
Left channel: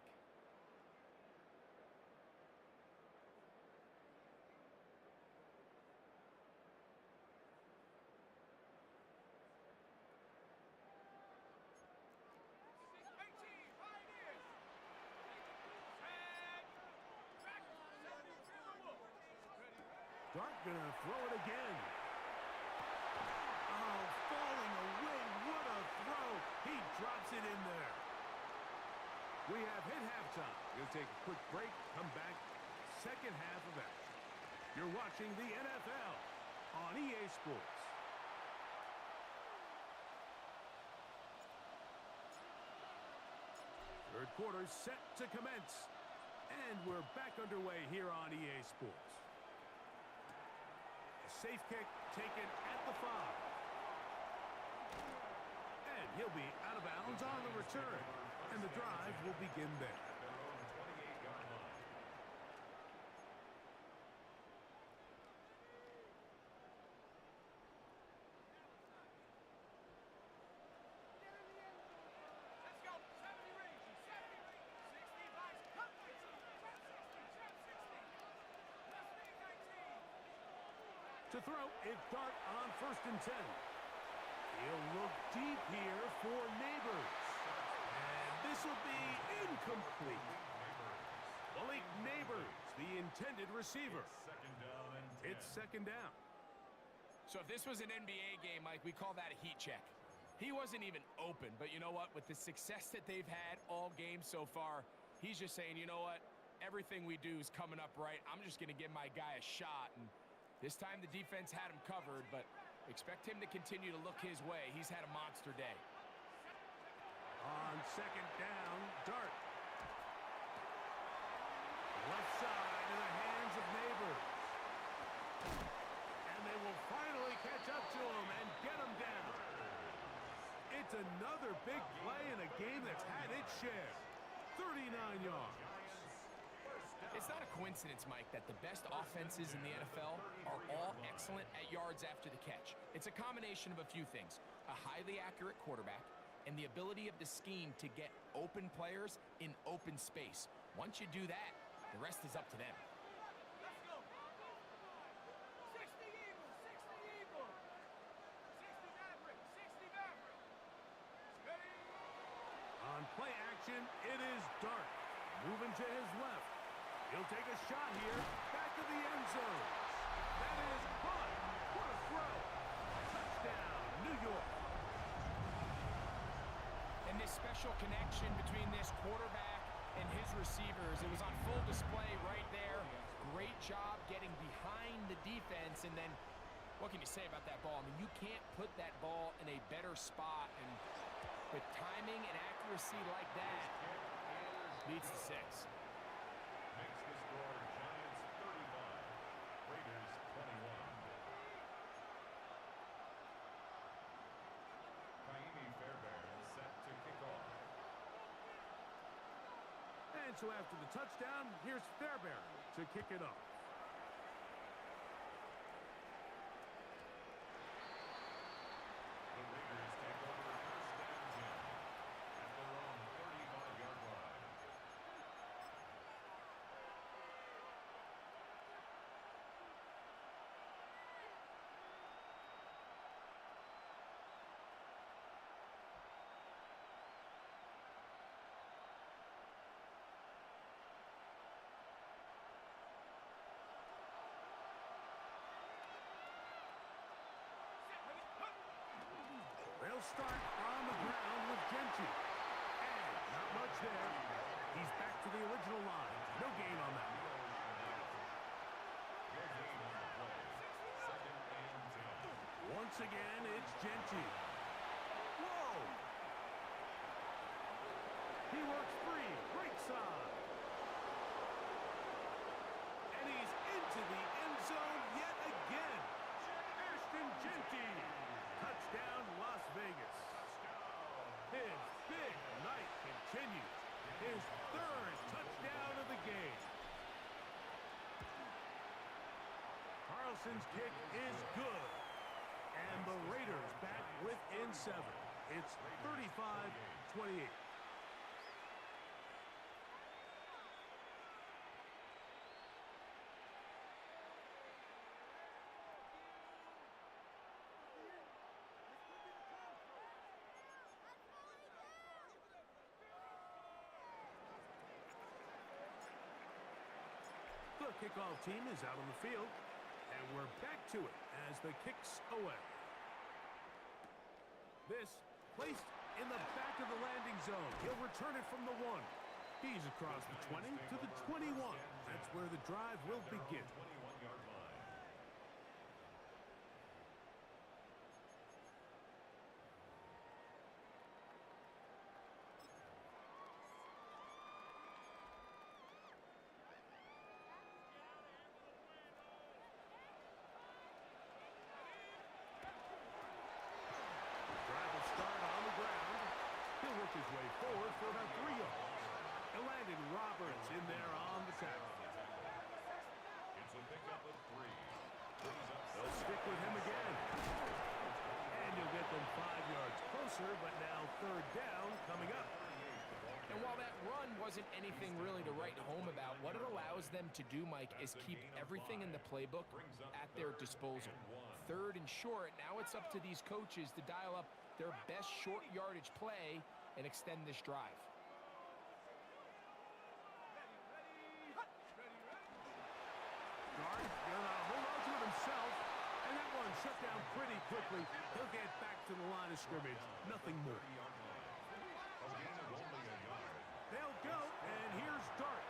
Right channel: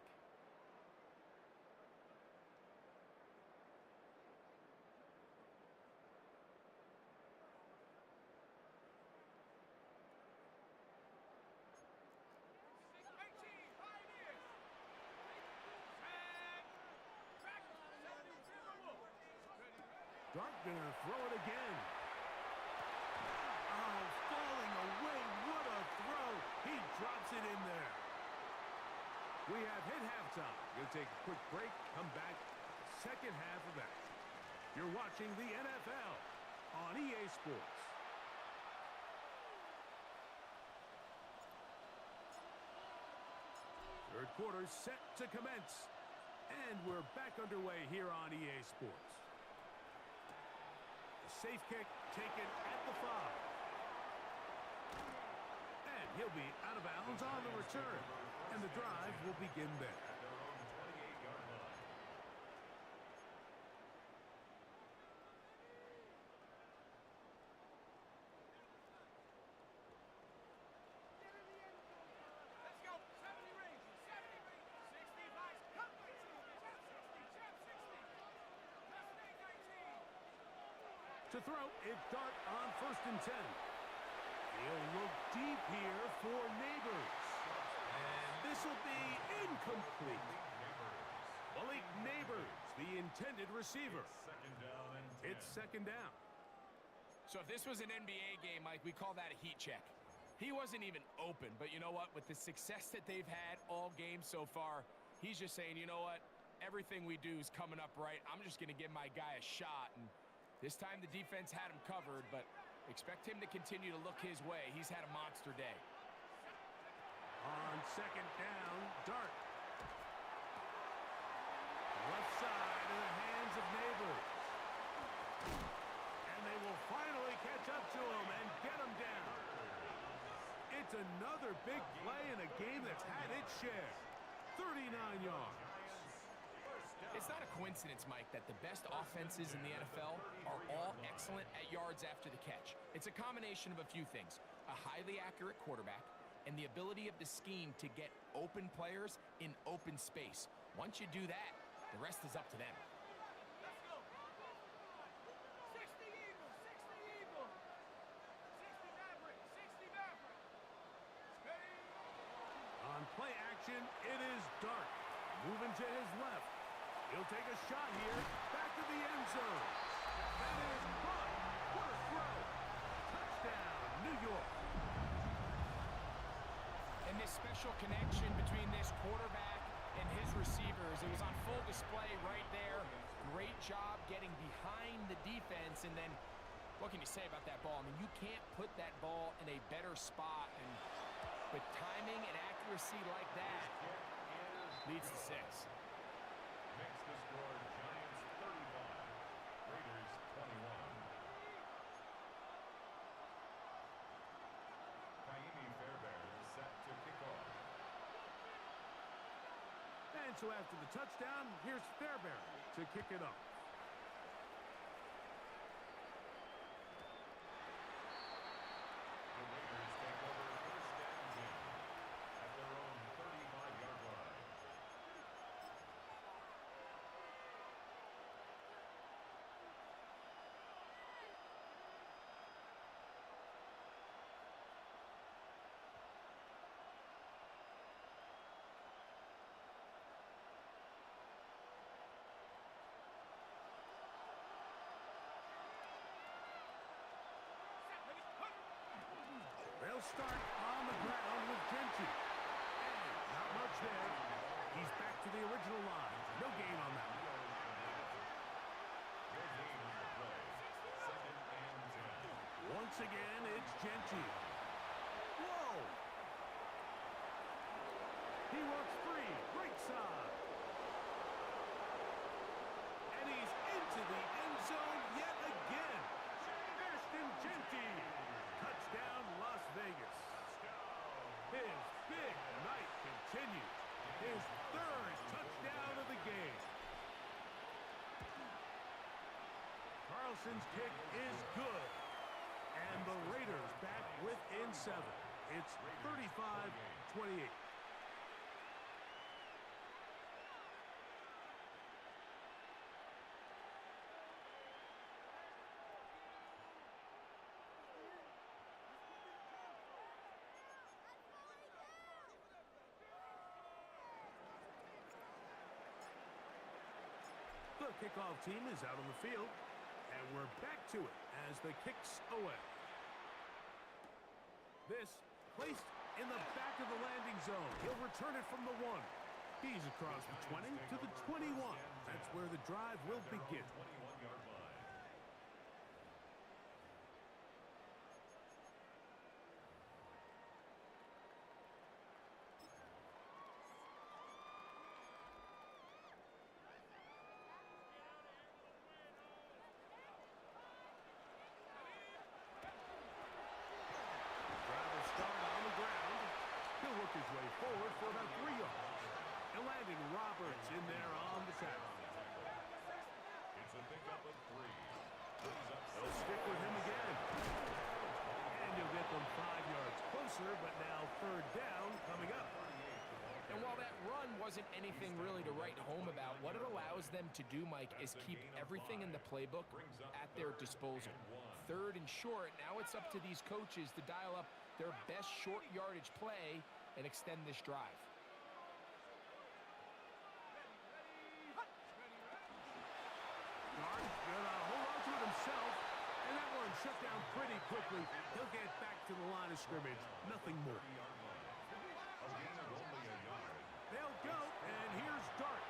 Dart gonna throw it again. Oh, falling away. What a throw. He drops it in there. We have hit halftime. Gonna take a quick break. Come back. Second half of action. You're watching the NFL on EA Sports. Third quarter set to commence. And we're back underway here on EA Sports. Safe kick taken at the 5. And he'll be out of bounds on the return. And the drive will begin there. At their own 28-yard line. Let's go. 70 ranges, 70 ranges. 60 Vice. Cut 19. Chop 60. Chop 60. Let's make 19. To throw, it's Dart on first and 10. He'll look deep here for Neighbors. And this will be incomplete. Malik Neighbors, the intended receiver. Second down and 10. It's second down. So if this was an NBA game, Mike, we call that a heat check. He wasn't even open, but you know what? With the success that they've had all game so far, he's just saying, you know what? Everything we do is coming up right. I'm just going to give my guy a shot. And this time the defense had him covered, but expect him to continue to look his way. He's had a monster day. On second down, Dart. Left side in the hands of Neighbors. And they will finally catch up to him and get him down. It's another big play in a game that's had its share. 39 yards. It's not a coincidence, Mike, that the best offenses in the NFL are all excellent at yards after the catch. It's a combination of a few things. A highly accurate quarterback and the ability of the scheme to get open players in open space. Once you do that, the rest is up to them. Let's go. 60 Eagles, 60 Eagles. 60 Maverick, 60 Maverick. Steady. On play action, it is Dart. Moving to his left. He'll take a shot here. Back to the end zone. That is Bud. What a throw. Touchdown, New York. And this special connection between this quarterback and his receivers, it was on full display right there. Great job getting behind the defense. And then what can you say about that ball? I mean, you can't put that ball in a better spot. And with timing and accuracy like that, leads to 6. Makes the score Giants 35, Raiders 21. And so after the touchdown, here's Fairbairn to kick it off. The Raiders take over first and 10 at their own 35-yard line. They'll start on the ground with Genty. And not much there. He's back to the original line. No gain on that one. No gain on the play. Second and 10. Once again, it's Genty. Whoa! He works free. Right side. And he's into the end zone yet again. Ashton Genty. Touchdown, Las Vegas. His big night continues. His third touchdown of the game. Carlson's kick is good. And the Raiders back within 7. It's 35-28. The kickoff team is out on the field, and we're back to it as the kick's away. This placed in the back of the landing zone. He'll return it from the 1. He's across the 20 to the 21. That's where the drive will begin. 21-yard line. He'll work his way forward for about 3 yards. And landed Roberts in there on the tackle. It's a pickup of 3. They'll stick with him again. And you'll get them 5 yards closer, but now third down coming up. And while that run wasn't anything really to write home about, what it allows them to do, Mike, is keep everything in the playbook at their disposal. Third and short, now it's up to these coaches to dial up their best short yardage play and extend this drive. Guard gonna hold on to it himself, and that one shut down pretty quickly. He'll get back to the line of scrimmage. Nothing more. They'll go, and here's Dart.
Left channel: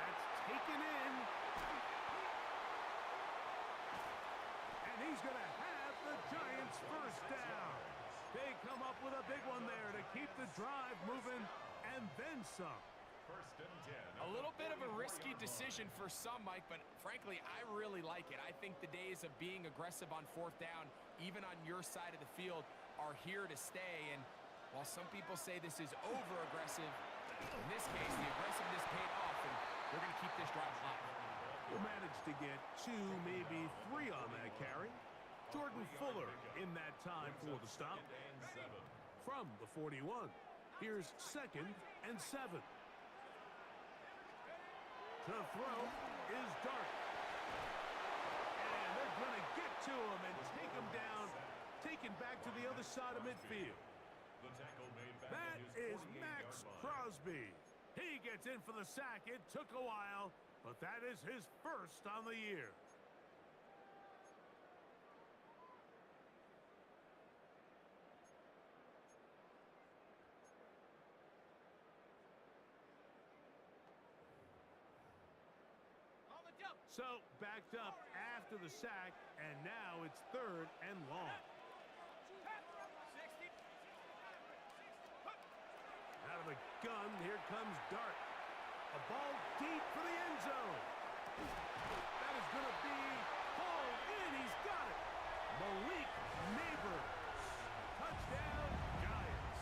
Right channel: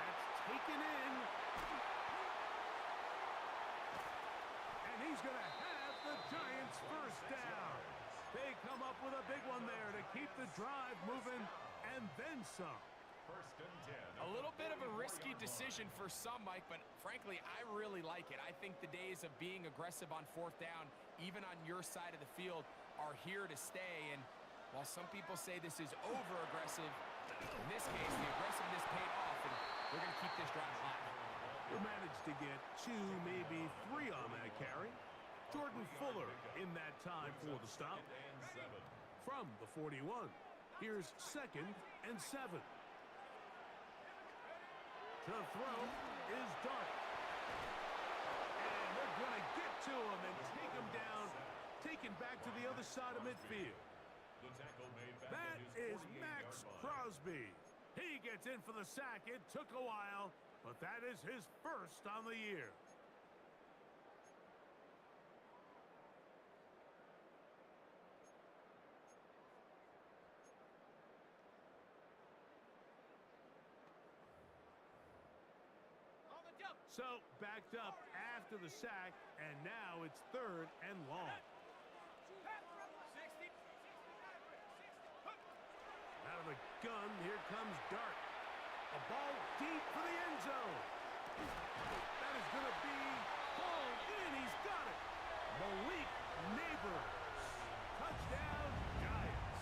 That's taken in. And he's going to have the Giants first down. They come up with a big one there to keep the drive moving, and then some. First and 10. A little bit of a risky decision for some, Mike, but frankly, I really like it. I think the days of being aggressive on fourth down, even on your side of the field, are here to stay. And while some people say this is over-aggressive, in this case, the aggressiveness paid off, and we're going to keep this drive alive. He'll manage to get 2, maybe 3 on that carry. Jordan Fuller in that time for the stop. From the 41, here's 2nd and 7. To throw is Dart. And they're going to get to him and take him down, taken back to the other side of midfield. The tackle made back That at his is 48-yard Max line. Crosby. He gets in for the sack. It took a while, but that is his first on the year. So backed up after the sack, and now it's 3rd and long. Out of the gun, here comes Dart. A ball deep for the end zone. That is going to be hauled in. He's got it. Malik Neighbors. Touchdown, Giants.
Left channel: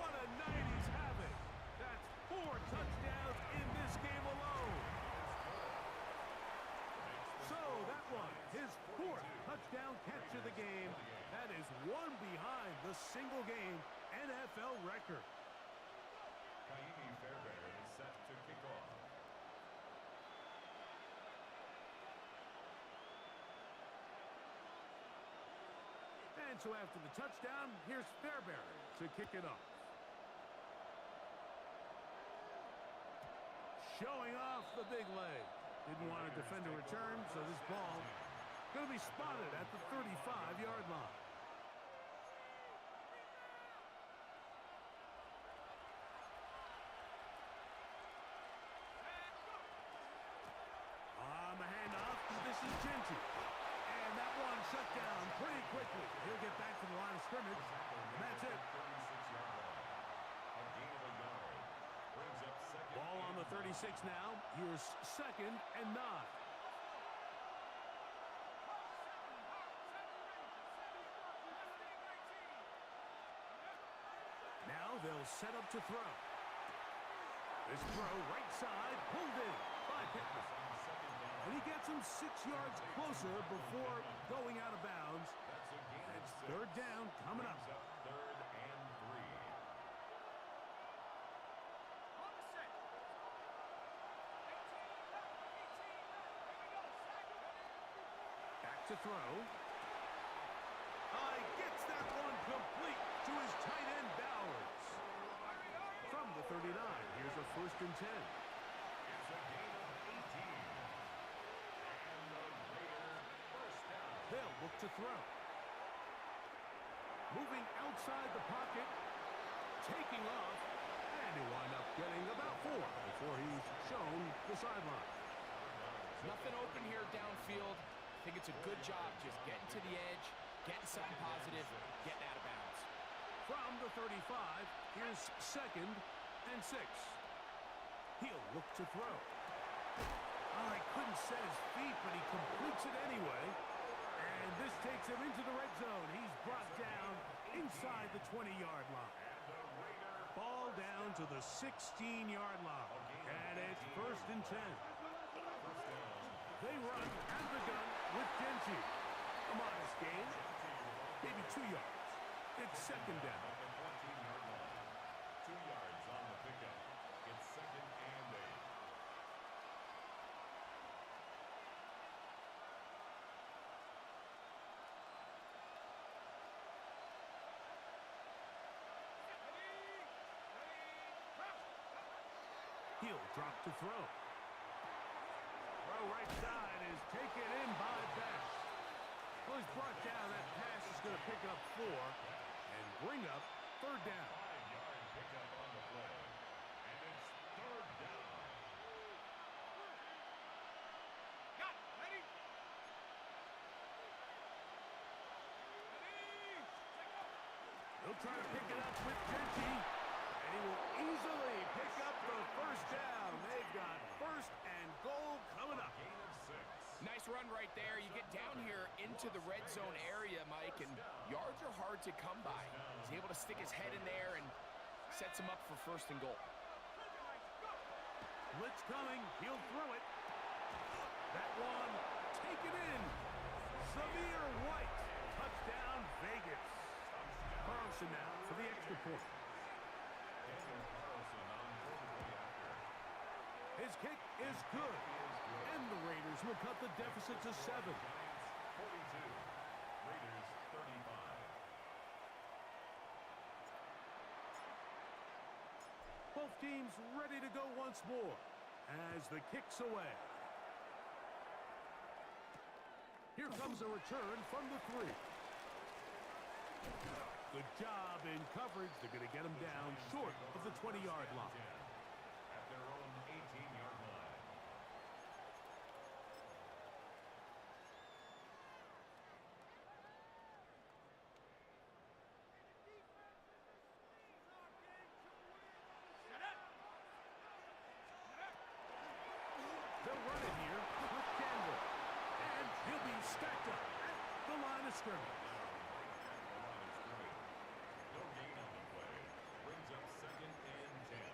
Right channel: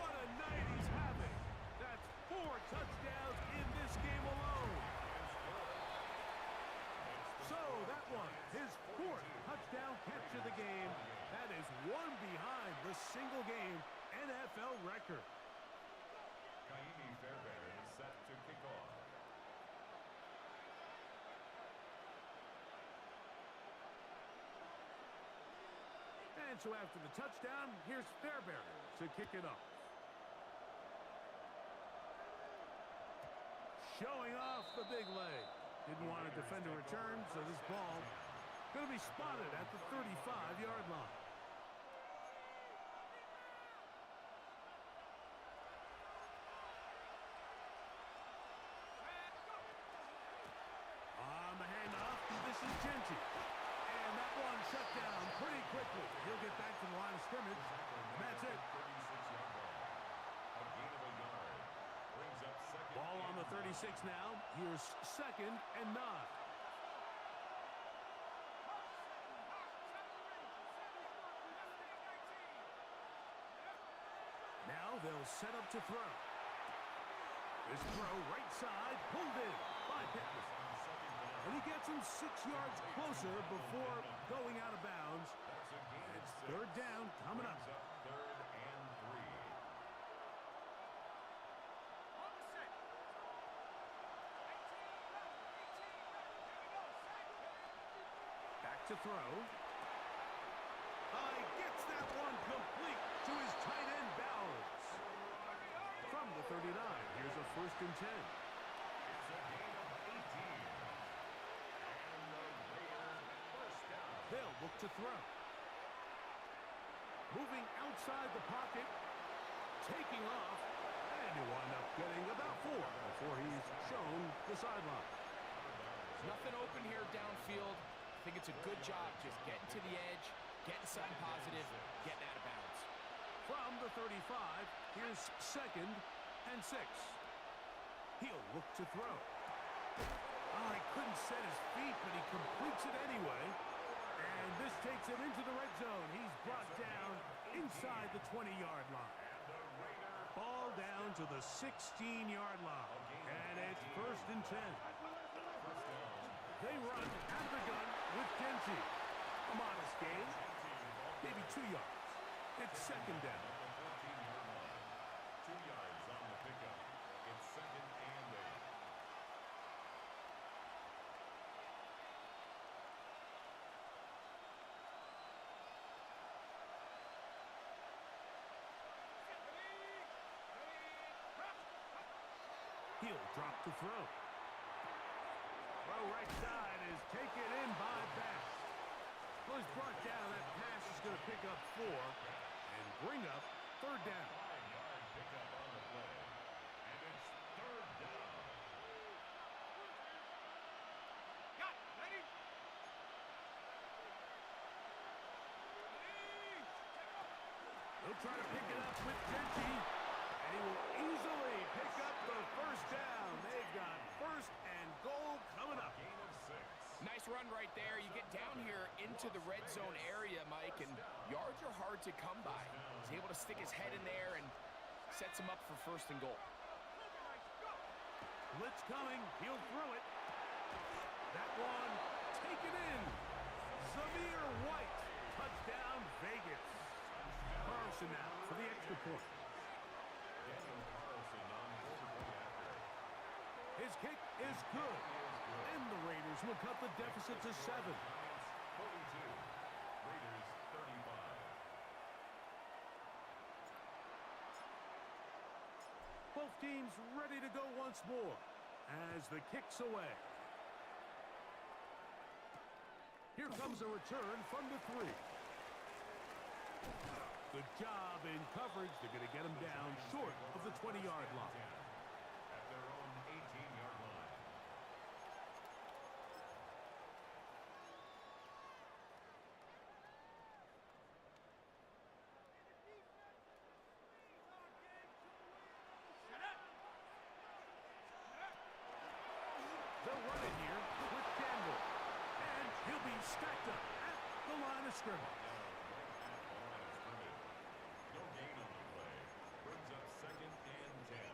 What a night he's having. That's touchdown catch of the game. That is one behind the single-game NFL record. Kaimi Fairbairn is set to kick off. And so after the touchdown, here's Fairbairn to kick it off. Showing off the big leg. Didn't want to defend a return, so this ball going to be spotted at the 35-yard line. On the handoff, this is Genty. And that one shut down pretty quickly. He'll get back to the line of scrimmage, and that's it. 36-yard line. A gain of a yard. Brings up second. Ball on the 36 now. Here's 2nd and 9. Now they'll set up to throw. This throw right side pulled in by Pittman. And he gets him 6 yards closer before going out of bounds. It's 3rd down coming up. 3rd and 3. On the set. 18 left. 18 left. Here we go. Sack. Back to throw. Gets that one complete to his tight end Bowers. From the 39, here's a 1st and 10. It's a gain of 18. And the Raiders first down. They'll look to throw. Moving outside the pocket, taking off, and he'll wind up getting about 4 before he's shown the sideline. Nothing open here downfield. I think it's a good job just getting to the edge, getting something positive, getting out of bounds. From the 35, here's 2nd and 6. He'll look to throw. He couldn't set his feet, but he completes it anyway. And this takes him into the red zone. He's brought down inside the 20-yard line. Ball down to the 16-yard line. And it's 1st and 10. They run out of the gun with Genty. A modest gain, maybe 2 yards. It's 2nd down. At the 14-yard line. 2 yards on the pickup. It's 2nd and 8. He'll drop to throw. Throw right side is taken in by Bass. Well, he's brought down. That pass is going to pick up 4 and bring up 3rd down. 5-yard pickup on the play. And it's 3rd down. Got it. Ready? Ready. Check up. They'll try to pick it up with Genty. And he will easily pick up the 1st down. They've got 1st and goal coming up. Gain of 6. Nice run right there. You get down here into the red zone area, Mike, and yards are hard to come by. He's able to stick his head in there and sets him up for 1st and goal. Blitz coming. He'll throw it. That one taken in. Zamir White. Touchdown, Vegas. Carlson now for the extra point. Daniel Carlson on board the way after. His kick is good. And the Raiders will cut the deficit to 7. Giants 42. Raiders 35. Both teams ready to go once more as the kick's away. Here comes a return from the 3. Good job in coverage. They're going to get him down short of the 20-yard line. At their own 18-yard line. They'll run it here with Campbell. And he'll be stacked up at the line of scrimmage. Down right at the line of scrimmage. No gain on the play. Brings up 2nd and 10.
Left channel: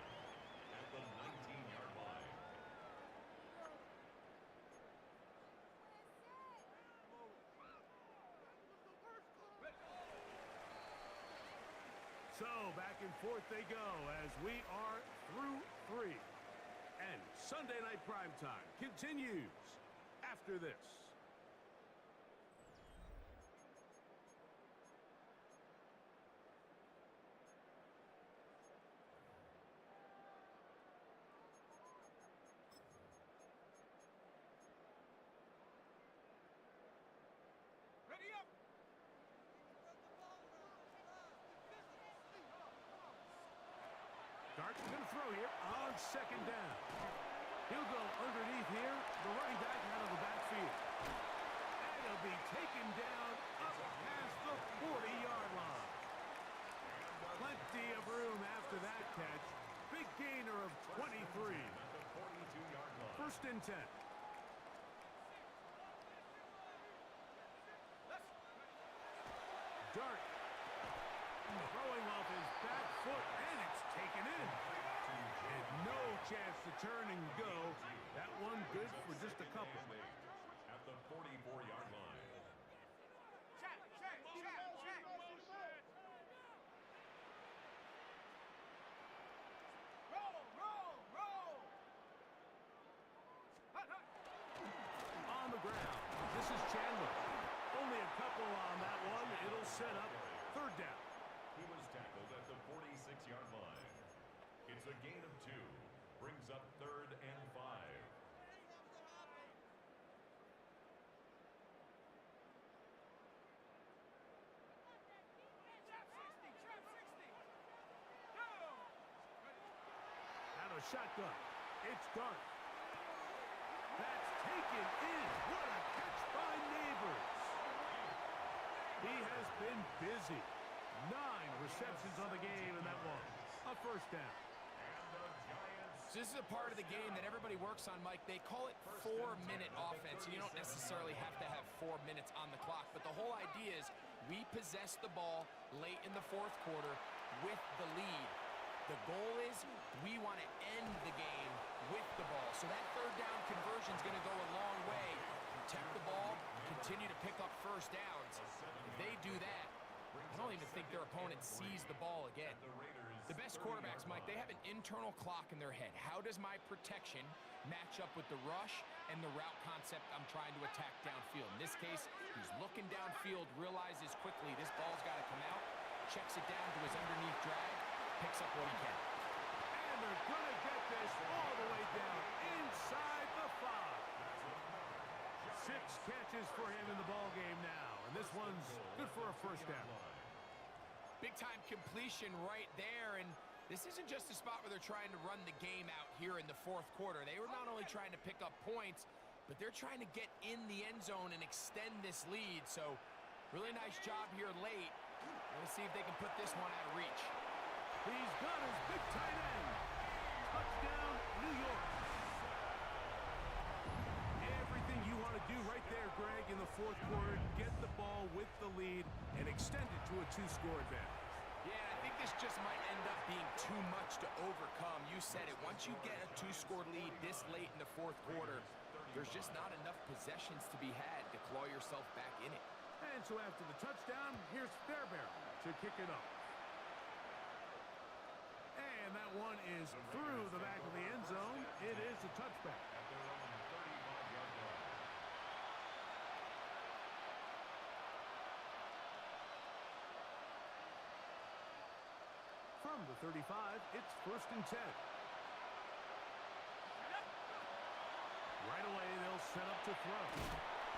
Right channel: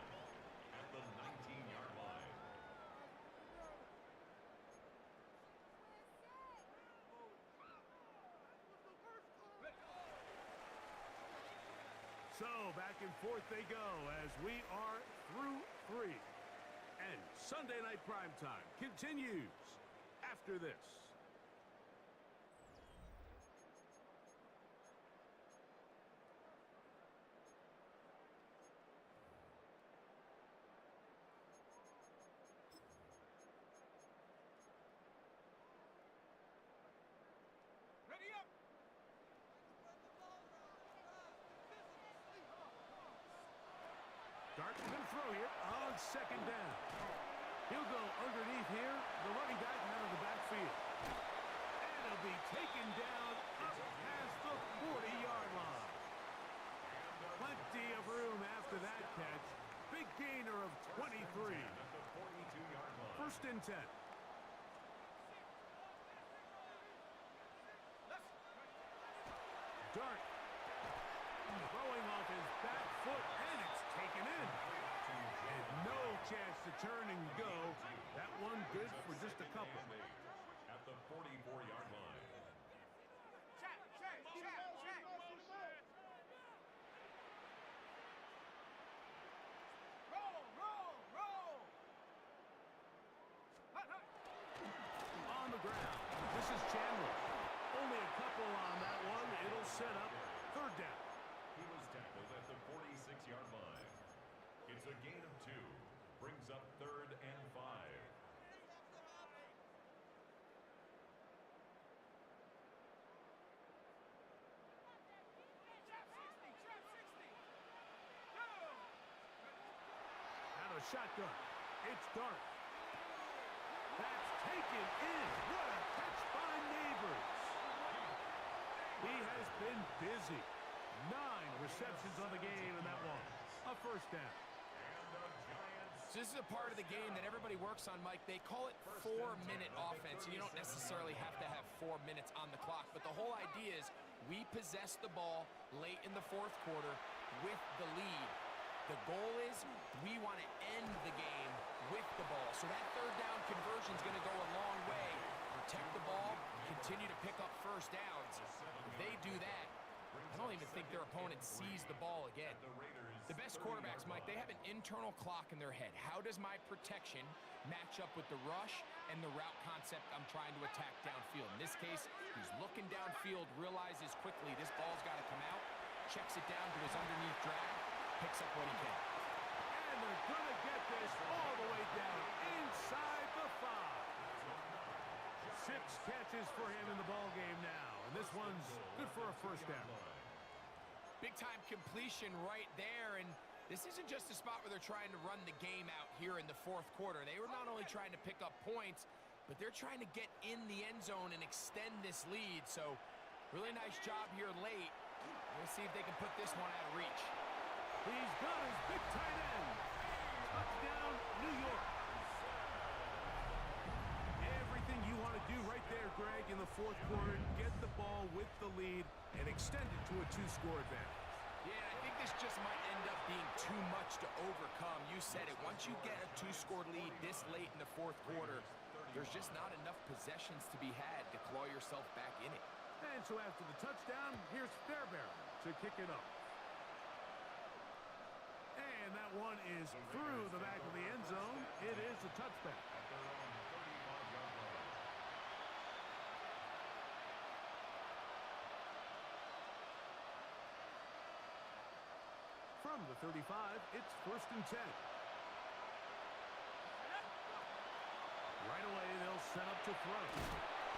At the 19-yard line. So back and forth they go as we are through 3. And Sunday Night Primetime continues after this. Ready up. Dart going to throw here on second down. He'll go underneath here, the running back out of the backfield. And he'll be taken down up past the 40-yard line. Plenty of room after that catch. Big gainer of 23. At the 42-yard line. First and 10. Dart throwing off his back foot, and it's taken in. And no chance to turn and go. That one good for just a couple. At the 44-yard line. Check, check, check, check. Roll, roll, roll. Hut, hut. On the ground, this is Chandler. Only a couple on that one. It'll set up third down. He was tackled at the 46-yard line. It's a gain of 2. Brings up 3rd and 5. Trap 60, trap 60. Go. Out of shotgun. It's Dart. That's taken in. What a catch by Neighbors. He has been busy. 9 receptions on the game in that one. A first down. And the Giants. So this is a part of the game that everybody works on, Mike. They call it 4-minute offense. You don't necessarily have to have 4 minutes on the clock, but the whole idea is we possess the ball late in the fourth quarter with the lead. The goal is we want to end the game with the ball. So that third down conversion is going to go a long way. Protect the ball, continue to pick up first downs. If they do that, I don't even think their opponent sees the ball again. The best quarterbacks, Mike, they have an internal clock in their head. How does my protection match up with the rush and the route concept I'm trying to attack downfield? In this case, he's looking downfield, realizes quickly this ball's got to come out, checks it down to his underneath drag, picks up what he can. And they're going to get this all the way down inside the 5. 6 catches for him in the ball game now. And this one's good for a first down. Big-time completion right there, and this isn't just a spot where they're trying to run the game out here in the fourth quarter. They were not only trying to pick up points, but they're trying to get in the end zone and extend this lead. So really nice job here late. We'll see if they can put this one out of reach. He's got his big tight end. Touchdown, New York. Everything you want to do right there, Greg, in the fourth quarter. Get the ball with the lead and extend it to a 2-score advantage. Yeah, and I think this just might end up being too much to overcome. You said it. Once you get a 2-score lead this late in the fourth quarter, there's just not enough possessions to be had to claw yourself back in it. And so after the touchdown, here's Fairbairn to kick it off. And that one is through the back of the end zone. It is a touchback. At their own 35-yard line. From the 35, it's first and 10. Right away, they'll set up to throw.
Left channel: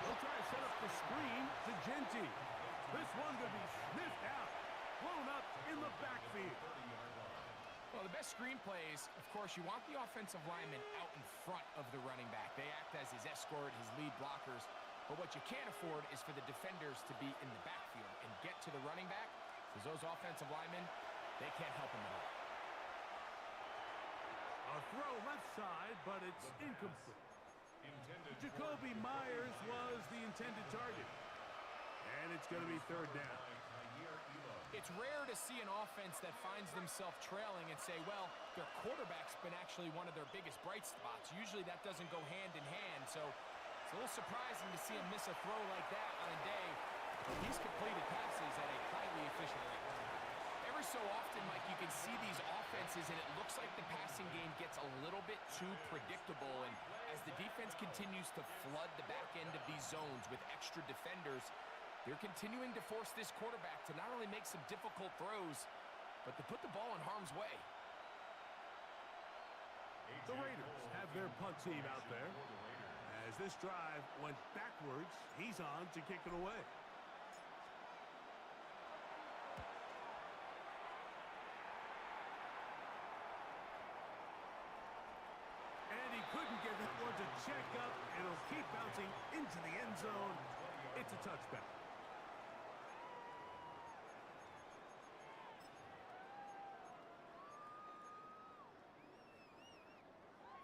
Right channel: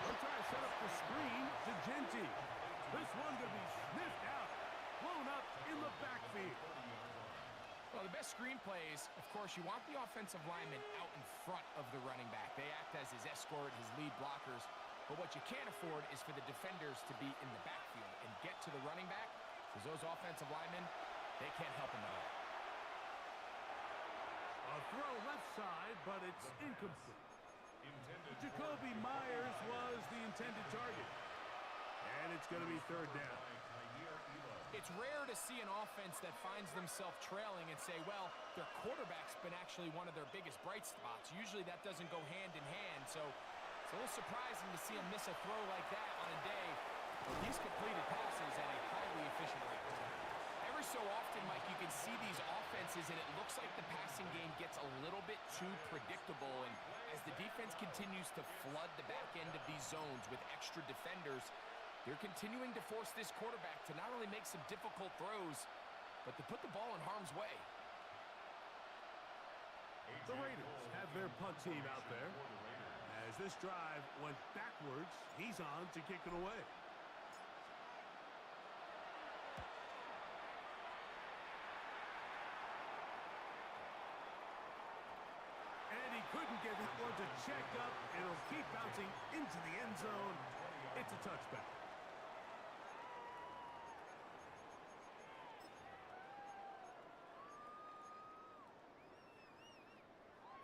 They'll try to set up the screen to Genty. This one going to be sniffed out, blown up in the backfield. Well, the best screen plays, of course, you want the offensive lineman out in front of the running back. They act as his escort, his lead blockers. But what you can't afford is for the defenders to be in the backfield and get to the running back, because those offensive linemen, they can't help him at all. A throw left side, but it's incomplete. Jacoby Myers was the intended target. And it's going to be third down. It's rare to see an offense that finds themselves trailing and say, well, their quarterback's been actually one of their biggest bright spots. Usually that doesn't go hand in hand, so it's a little surprising to see him miss a throw like that on a day where he's completed passes at a highly efficient rate. Every so often, Mike, you can see these offenses, and it looks like the passing game gets a little bit too predictable. And as the defense continues to flood the back end of these zones with extra defenders, they're continuing to force this quarterback to not only make some difficult throws, but to put the ball in harm's way. The Raiders have their punt team out there. As this drive went backwards, he's on to kick it away. And he couldn't get that one to check up. It'll keep bouncing into the end zone. It's a touchback.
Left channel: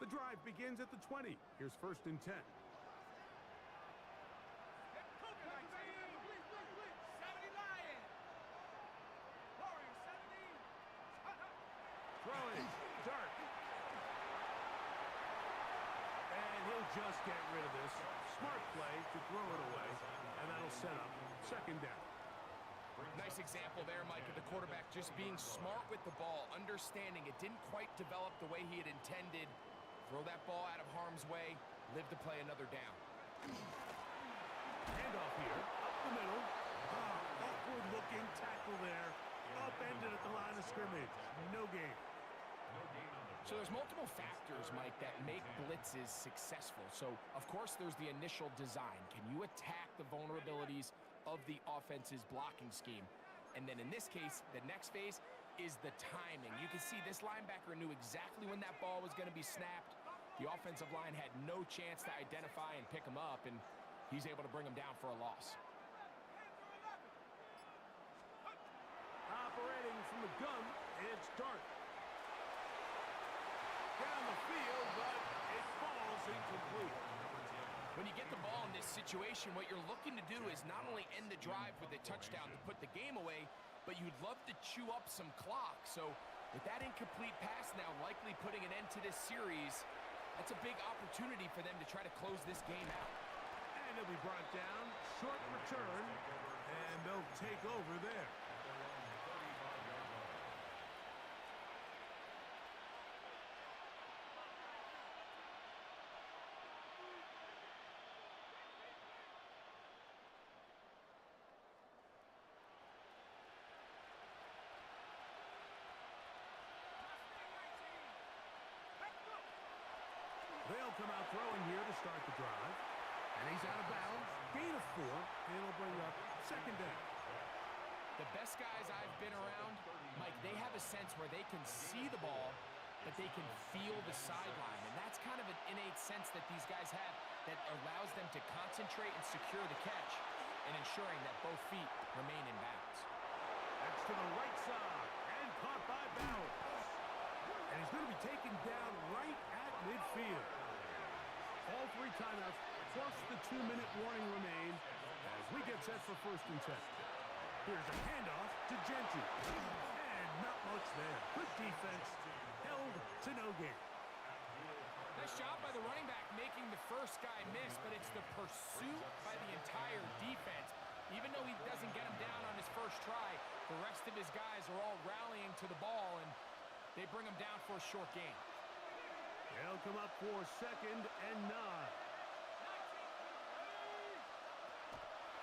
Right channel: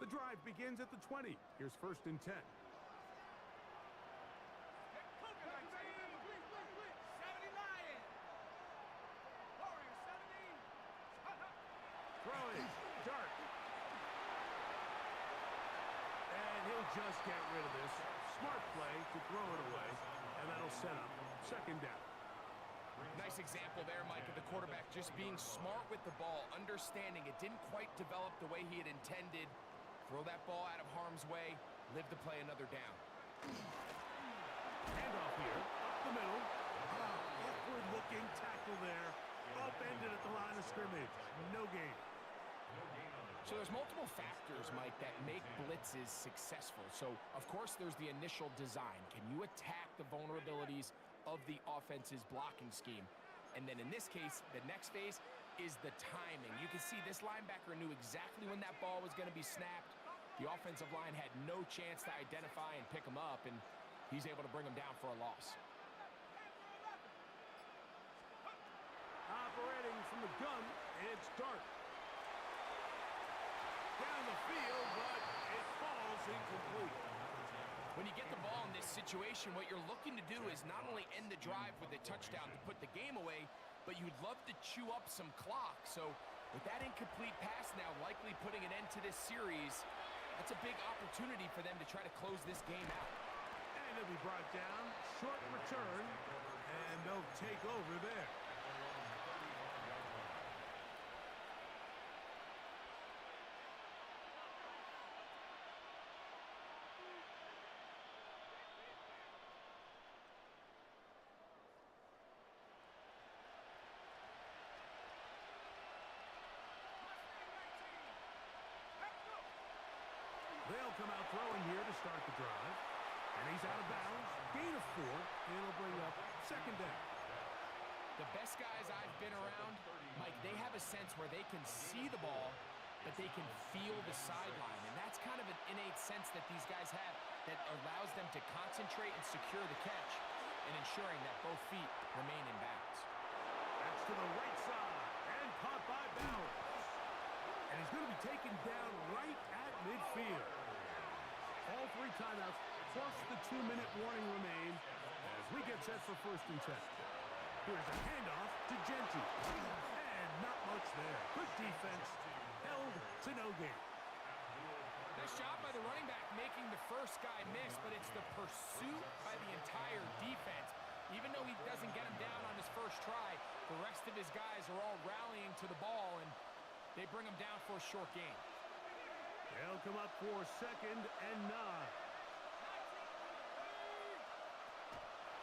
The drive begins at the 20. Here's 1st and 10. Throwing, dart. And he'll just get rid of this. Smart play to throw it away, and that'll set up 2nd down. Nice example there, Mike, of the quarterback just being smart with the ball, understanding it didn't quite develop the way he had intended. Throw that ball out of harm's way, live to play another down. Handoff here, up the middle. Awkward-looking tackle there. Upended at the line of scrimmage. No gain. So there's multiple factors, Mike, that make blitzes successful. So, of course, there's the initial design. Can you attack the vulnerabilities of the offense's blocking scheme? And then in this case, the next phase is the timing. You can see this linebacker knew exactly when that ball was going to be snapped. The offensive line had no chance to identify and pick him up, and he's able to bring him down for a loss. Operating from the gun, it's Dart. Down the field, but it falls incomplete. When you get the ball in this situation, what you're looking to do is not only end the drive with a touchdown to put the game away, but you'd love to chew up some clock. So with that incomplete pass now likely putting an end to this series, that's a big opportunity for them to try to close this game out. And it'll be brought down, short return, and they'll take over there. They'll come out throwing here to start the drive. And he's out of bounds. Gain of 4. It'll bring up 2nd down. The best guys I've been around, Mike, they have a sense where they can see the ball, but they can feel the sideline. And that's kind of an innate sense that these guys have that allows them to concentrate and secure the catch and ensuring that both feet remain in bounds. That's to the right side and caught by Bowers. And he's going to be taken down right at midfield. All 3 timeouts plus the 2-minute warning remain as we get set for 1st and 10. Here's a handoff to Genty. And not much there. Good defense. Held to no gain. Nice job by the running back making the first guy miss, but it's the pursuit by the entire defense. Even though he doesn't get him down on his first try, the rest of his guys are all rallying to the ball, and they bring him down for a short gain. They'll come up for 2nd and 9.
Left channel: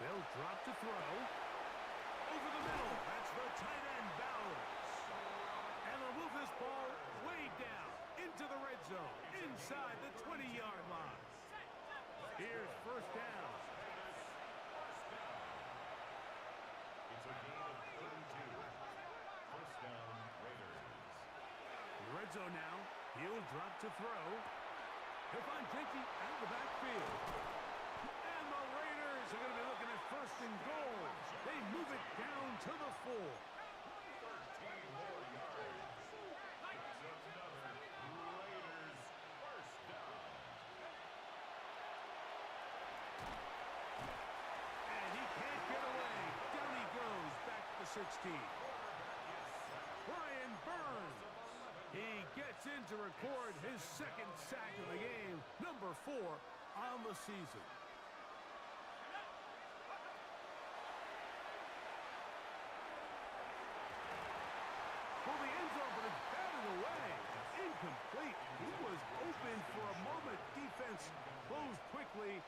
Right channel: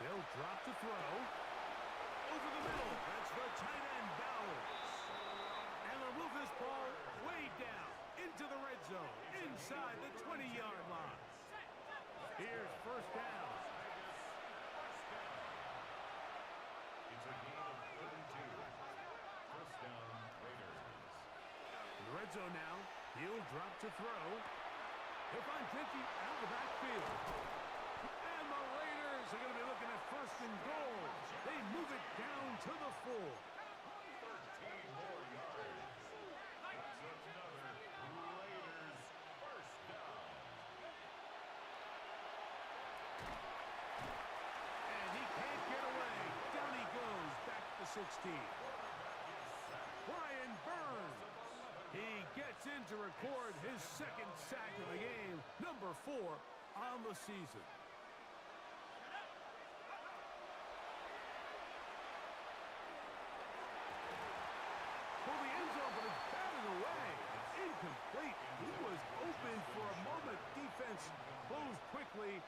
They'll drop to throw. Over the middle. That's the tight end, Bowers. And they'll move this ball way down into the red zone, inside the 20-yard line. Here's 1st down. It's a gain of 32. 1st down, Raiders. In the red zone now. He'll drop to throw. He'll find Genty out of the backfield. And the Raiders are going to be looking at 1st and goal. They move it down to the 4. 13 more yards. It's another Raiders 1st down. And he can't get away. Down he goes, back to the 16. Brian Burns. He gets in to record his 2nd sack of the game, number 4 on the season. quickly,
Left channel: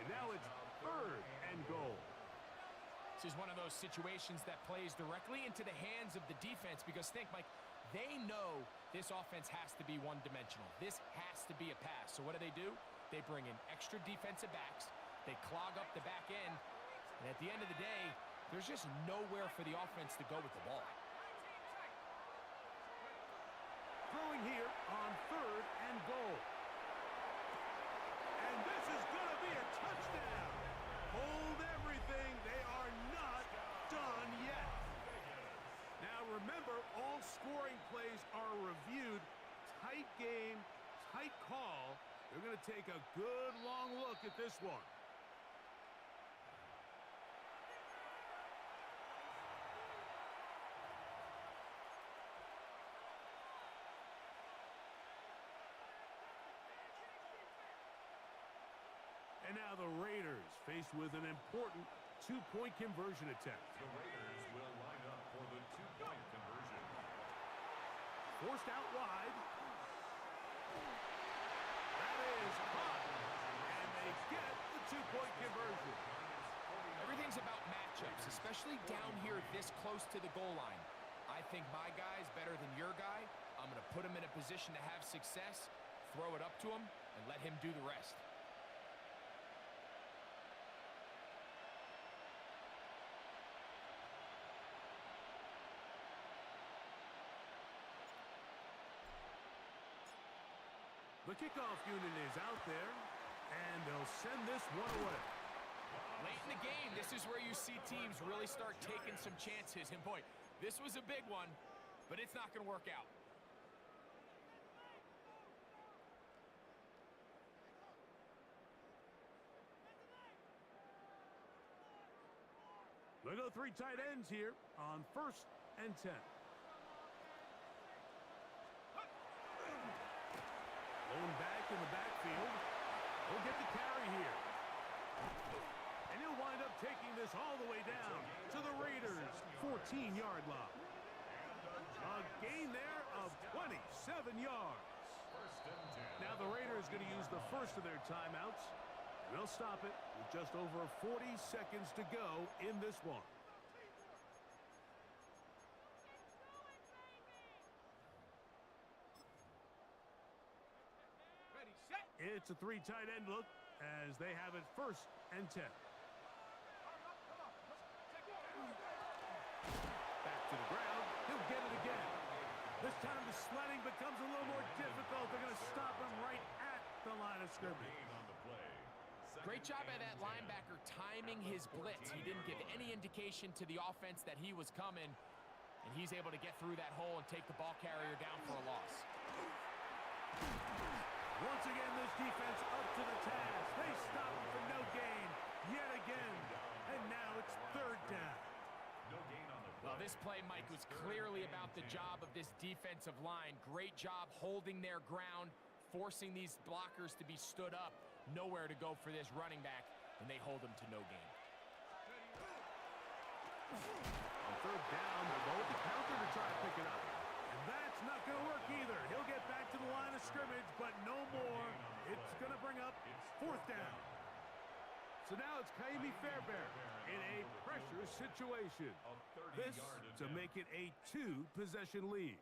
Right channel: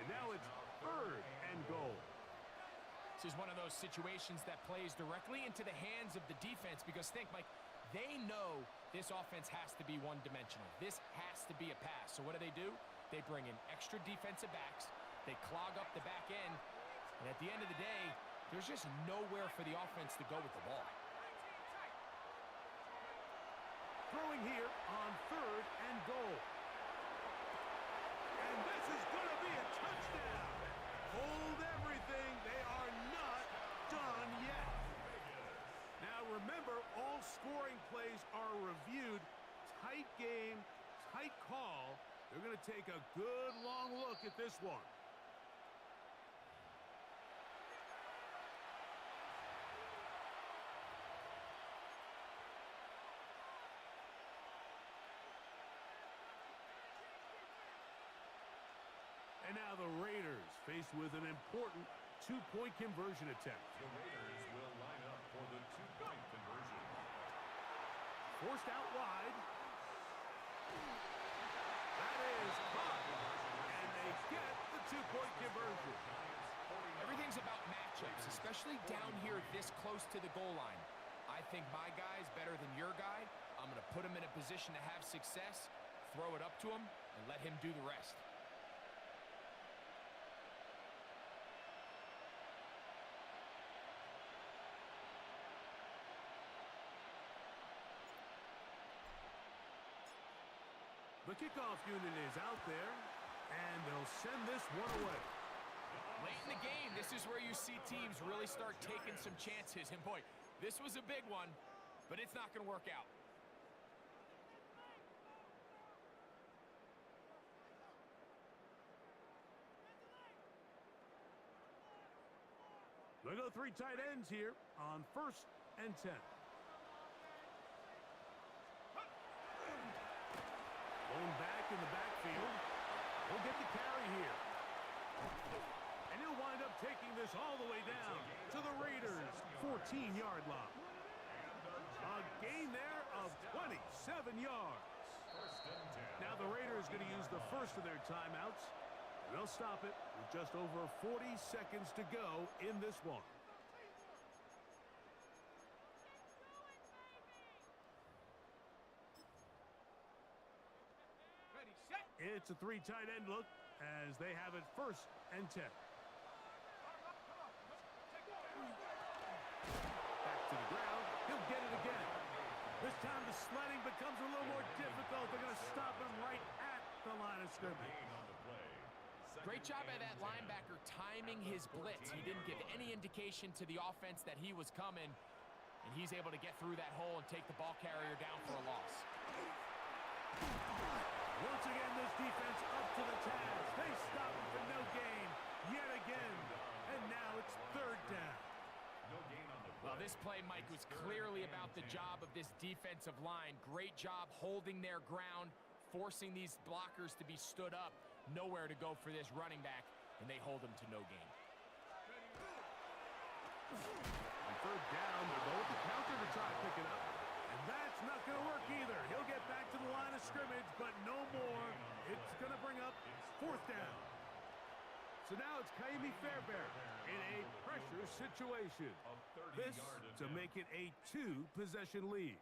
and now it's third and goal. This is one of those situations that plays directly into the hands of the defense because think, Mike, they know this offense has to be one-dimensional. This has to be a pass. So what do? They bring in extra defensive backs. They clog up the back end. And at the end of the day, there's just nowhere for the offense to go with the ball. Throwing here on third and goal. And this is going to be a touchdown. Hold everything. They are not done yet. Now remember, all scoring plays are reviewed. Tight game, tight call. They're going to take a good long look at this one. And now the Raiders faced with an important two-point conversion attempt. The Raiders will line up for the two-point conversion. Forced out wide. That is caught. And they get the two-point conversion. Everything's about matchups, especially down here this close to the goal line. I think my guy's better than your guy. I'm going to put him in a position to have success, throw it up to him, and let him do the rest. The kickoff unit is out there, and they'll send this one away. Late in the game, this is where you see teams really start taking some chances. And boy, this was a big one, but it's not going to work out. They go three tight ends here on 1st and 10. Lone back in the backfield. He'll get the carry here. And he'll wind up taking this all the way down to the Raiders' 14-yard line. A gain there of 27 yards. Now the Raiders going to use the first of their timeouts. And they'll stop it with just over 40 seconds to go in this one. It's a three tight end look as they have it 1st and 10. Back to the ground. He'll get it again. This time the sledding becomes a little more difficult. They're going to stop him right at the line of scrimmage. Great job by that linebacker timing his blitz. He didn't give any indication to the offense that he was coming, and he's able to get through that hole and take the ball carrier down for a loss. Once again, this defense up to the task. They stop him for no gain yet again, and now it's 3rd down. Well, this play, Mike, was clearly about the job of this defensive line. Great job holding their ground, forcing these blockers to be stood up. Nowhere to go for this running back, and they hold him to no gain. On 3rd down, they're going to counter to try to pick it up. And that's not going to work either. He'll get back to the line of scrimmage, but no more. It's going to bring up 4th down. So now it's Kaimi Fairbairn in a pressure situation. This to make it a 2-possession lead.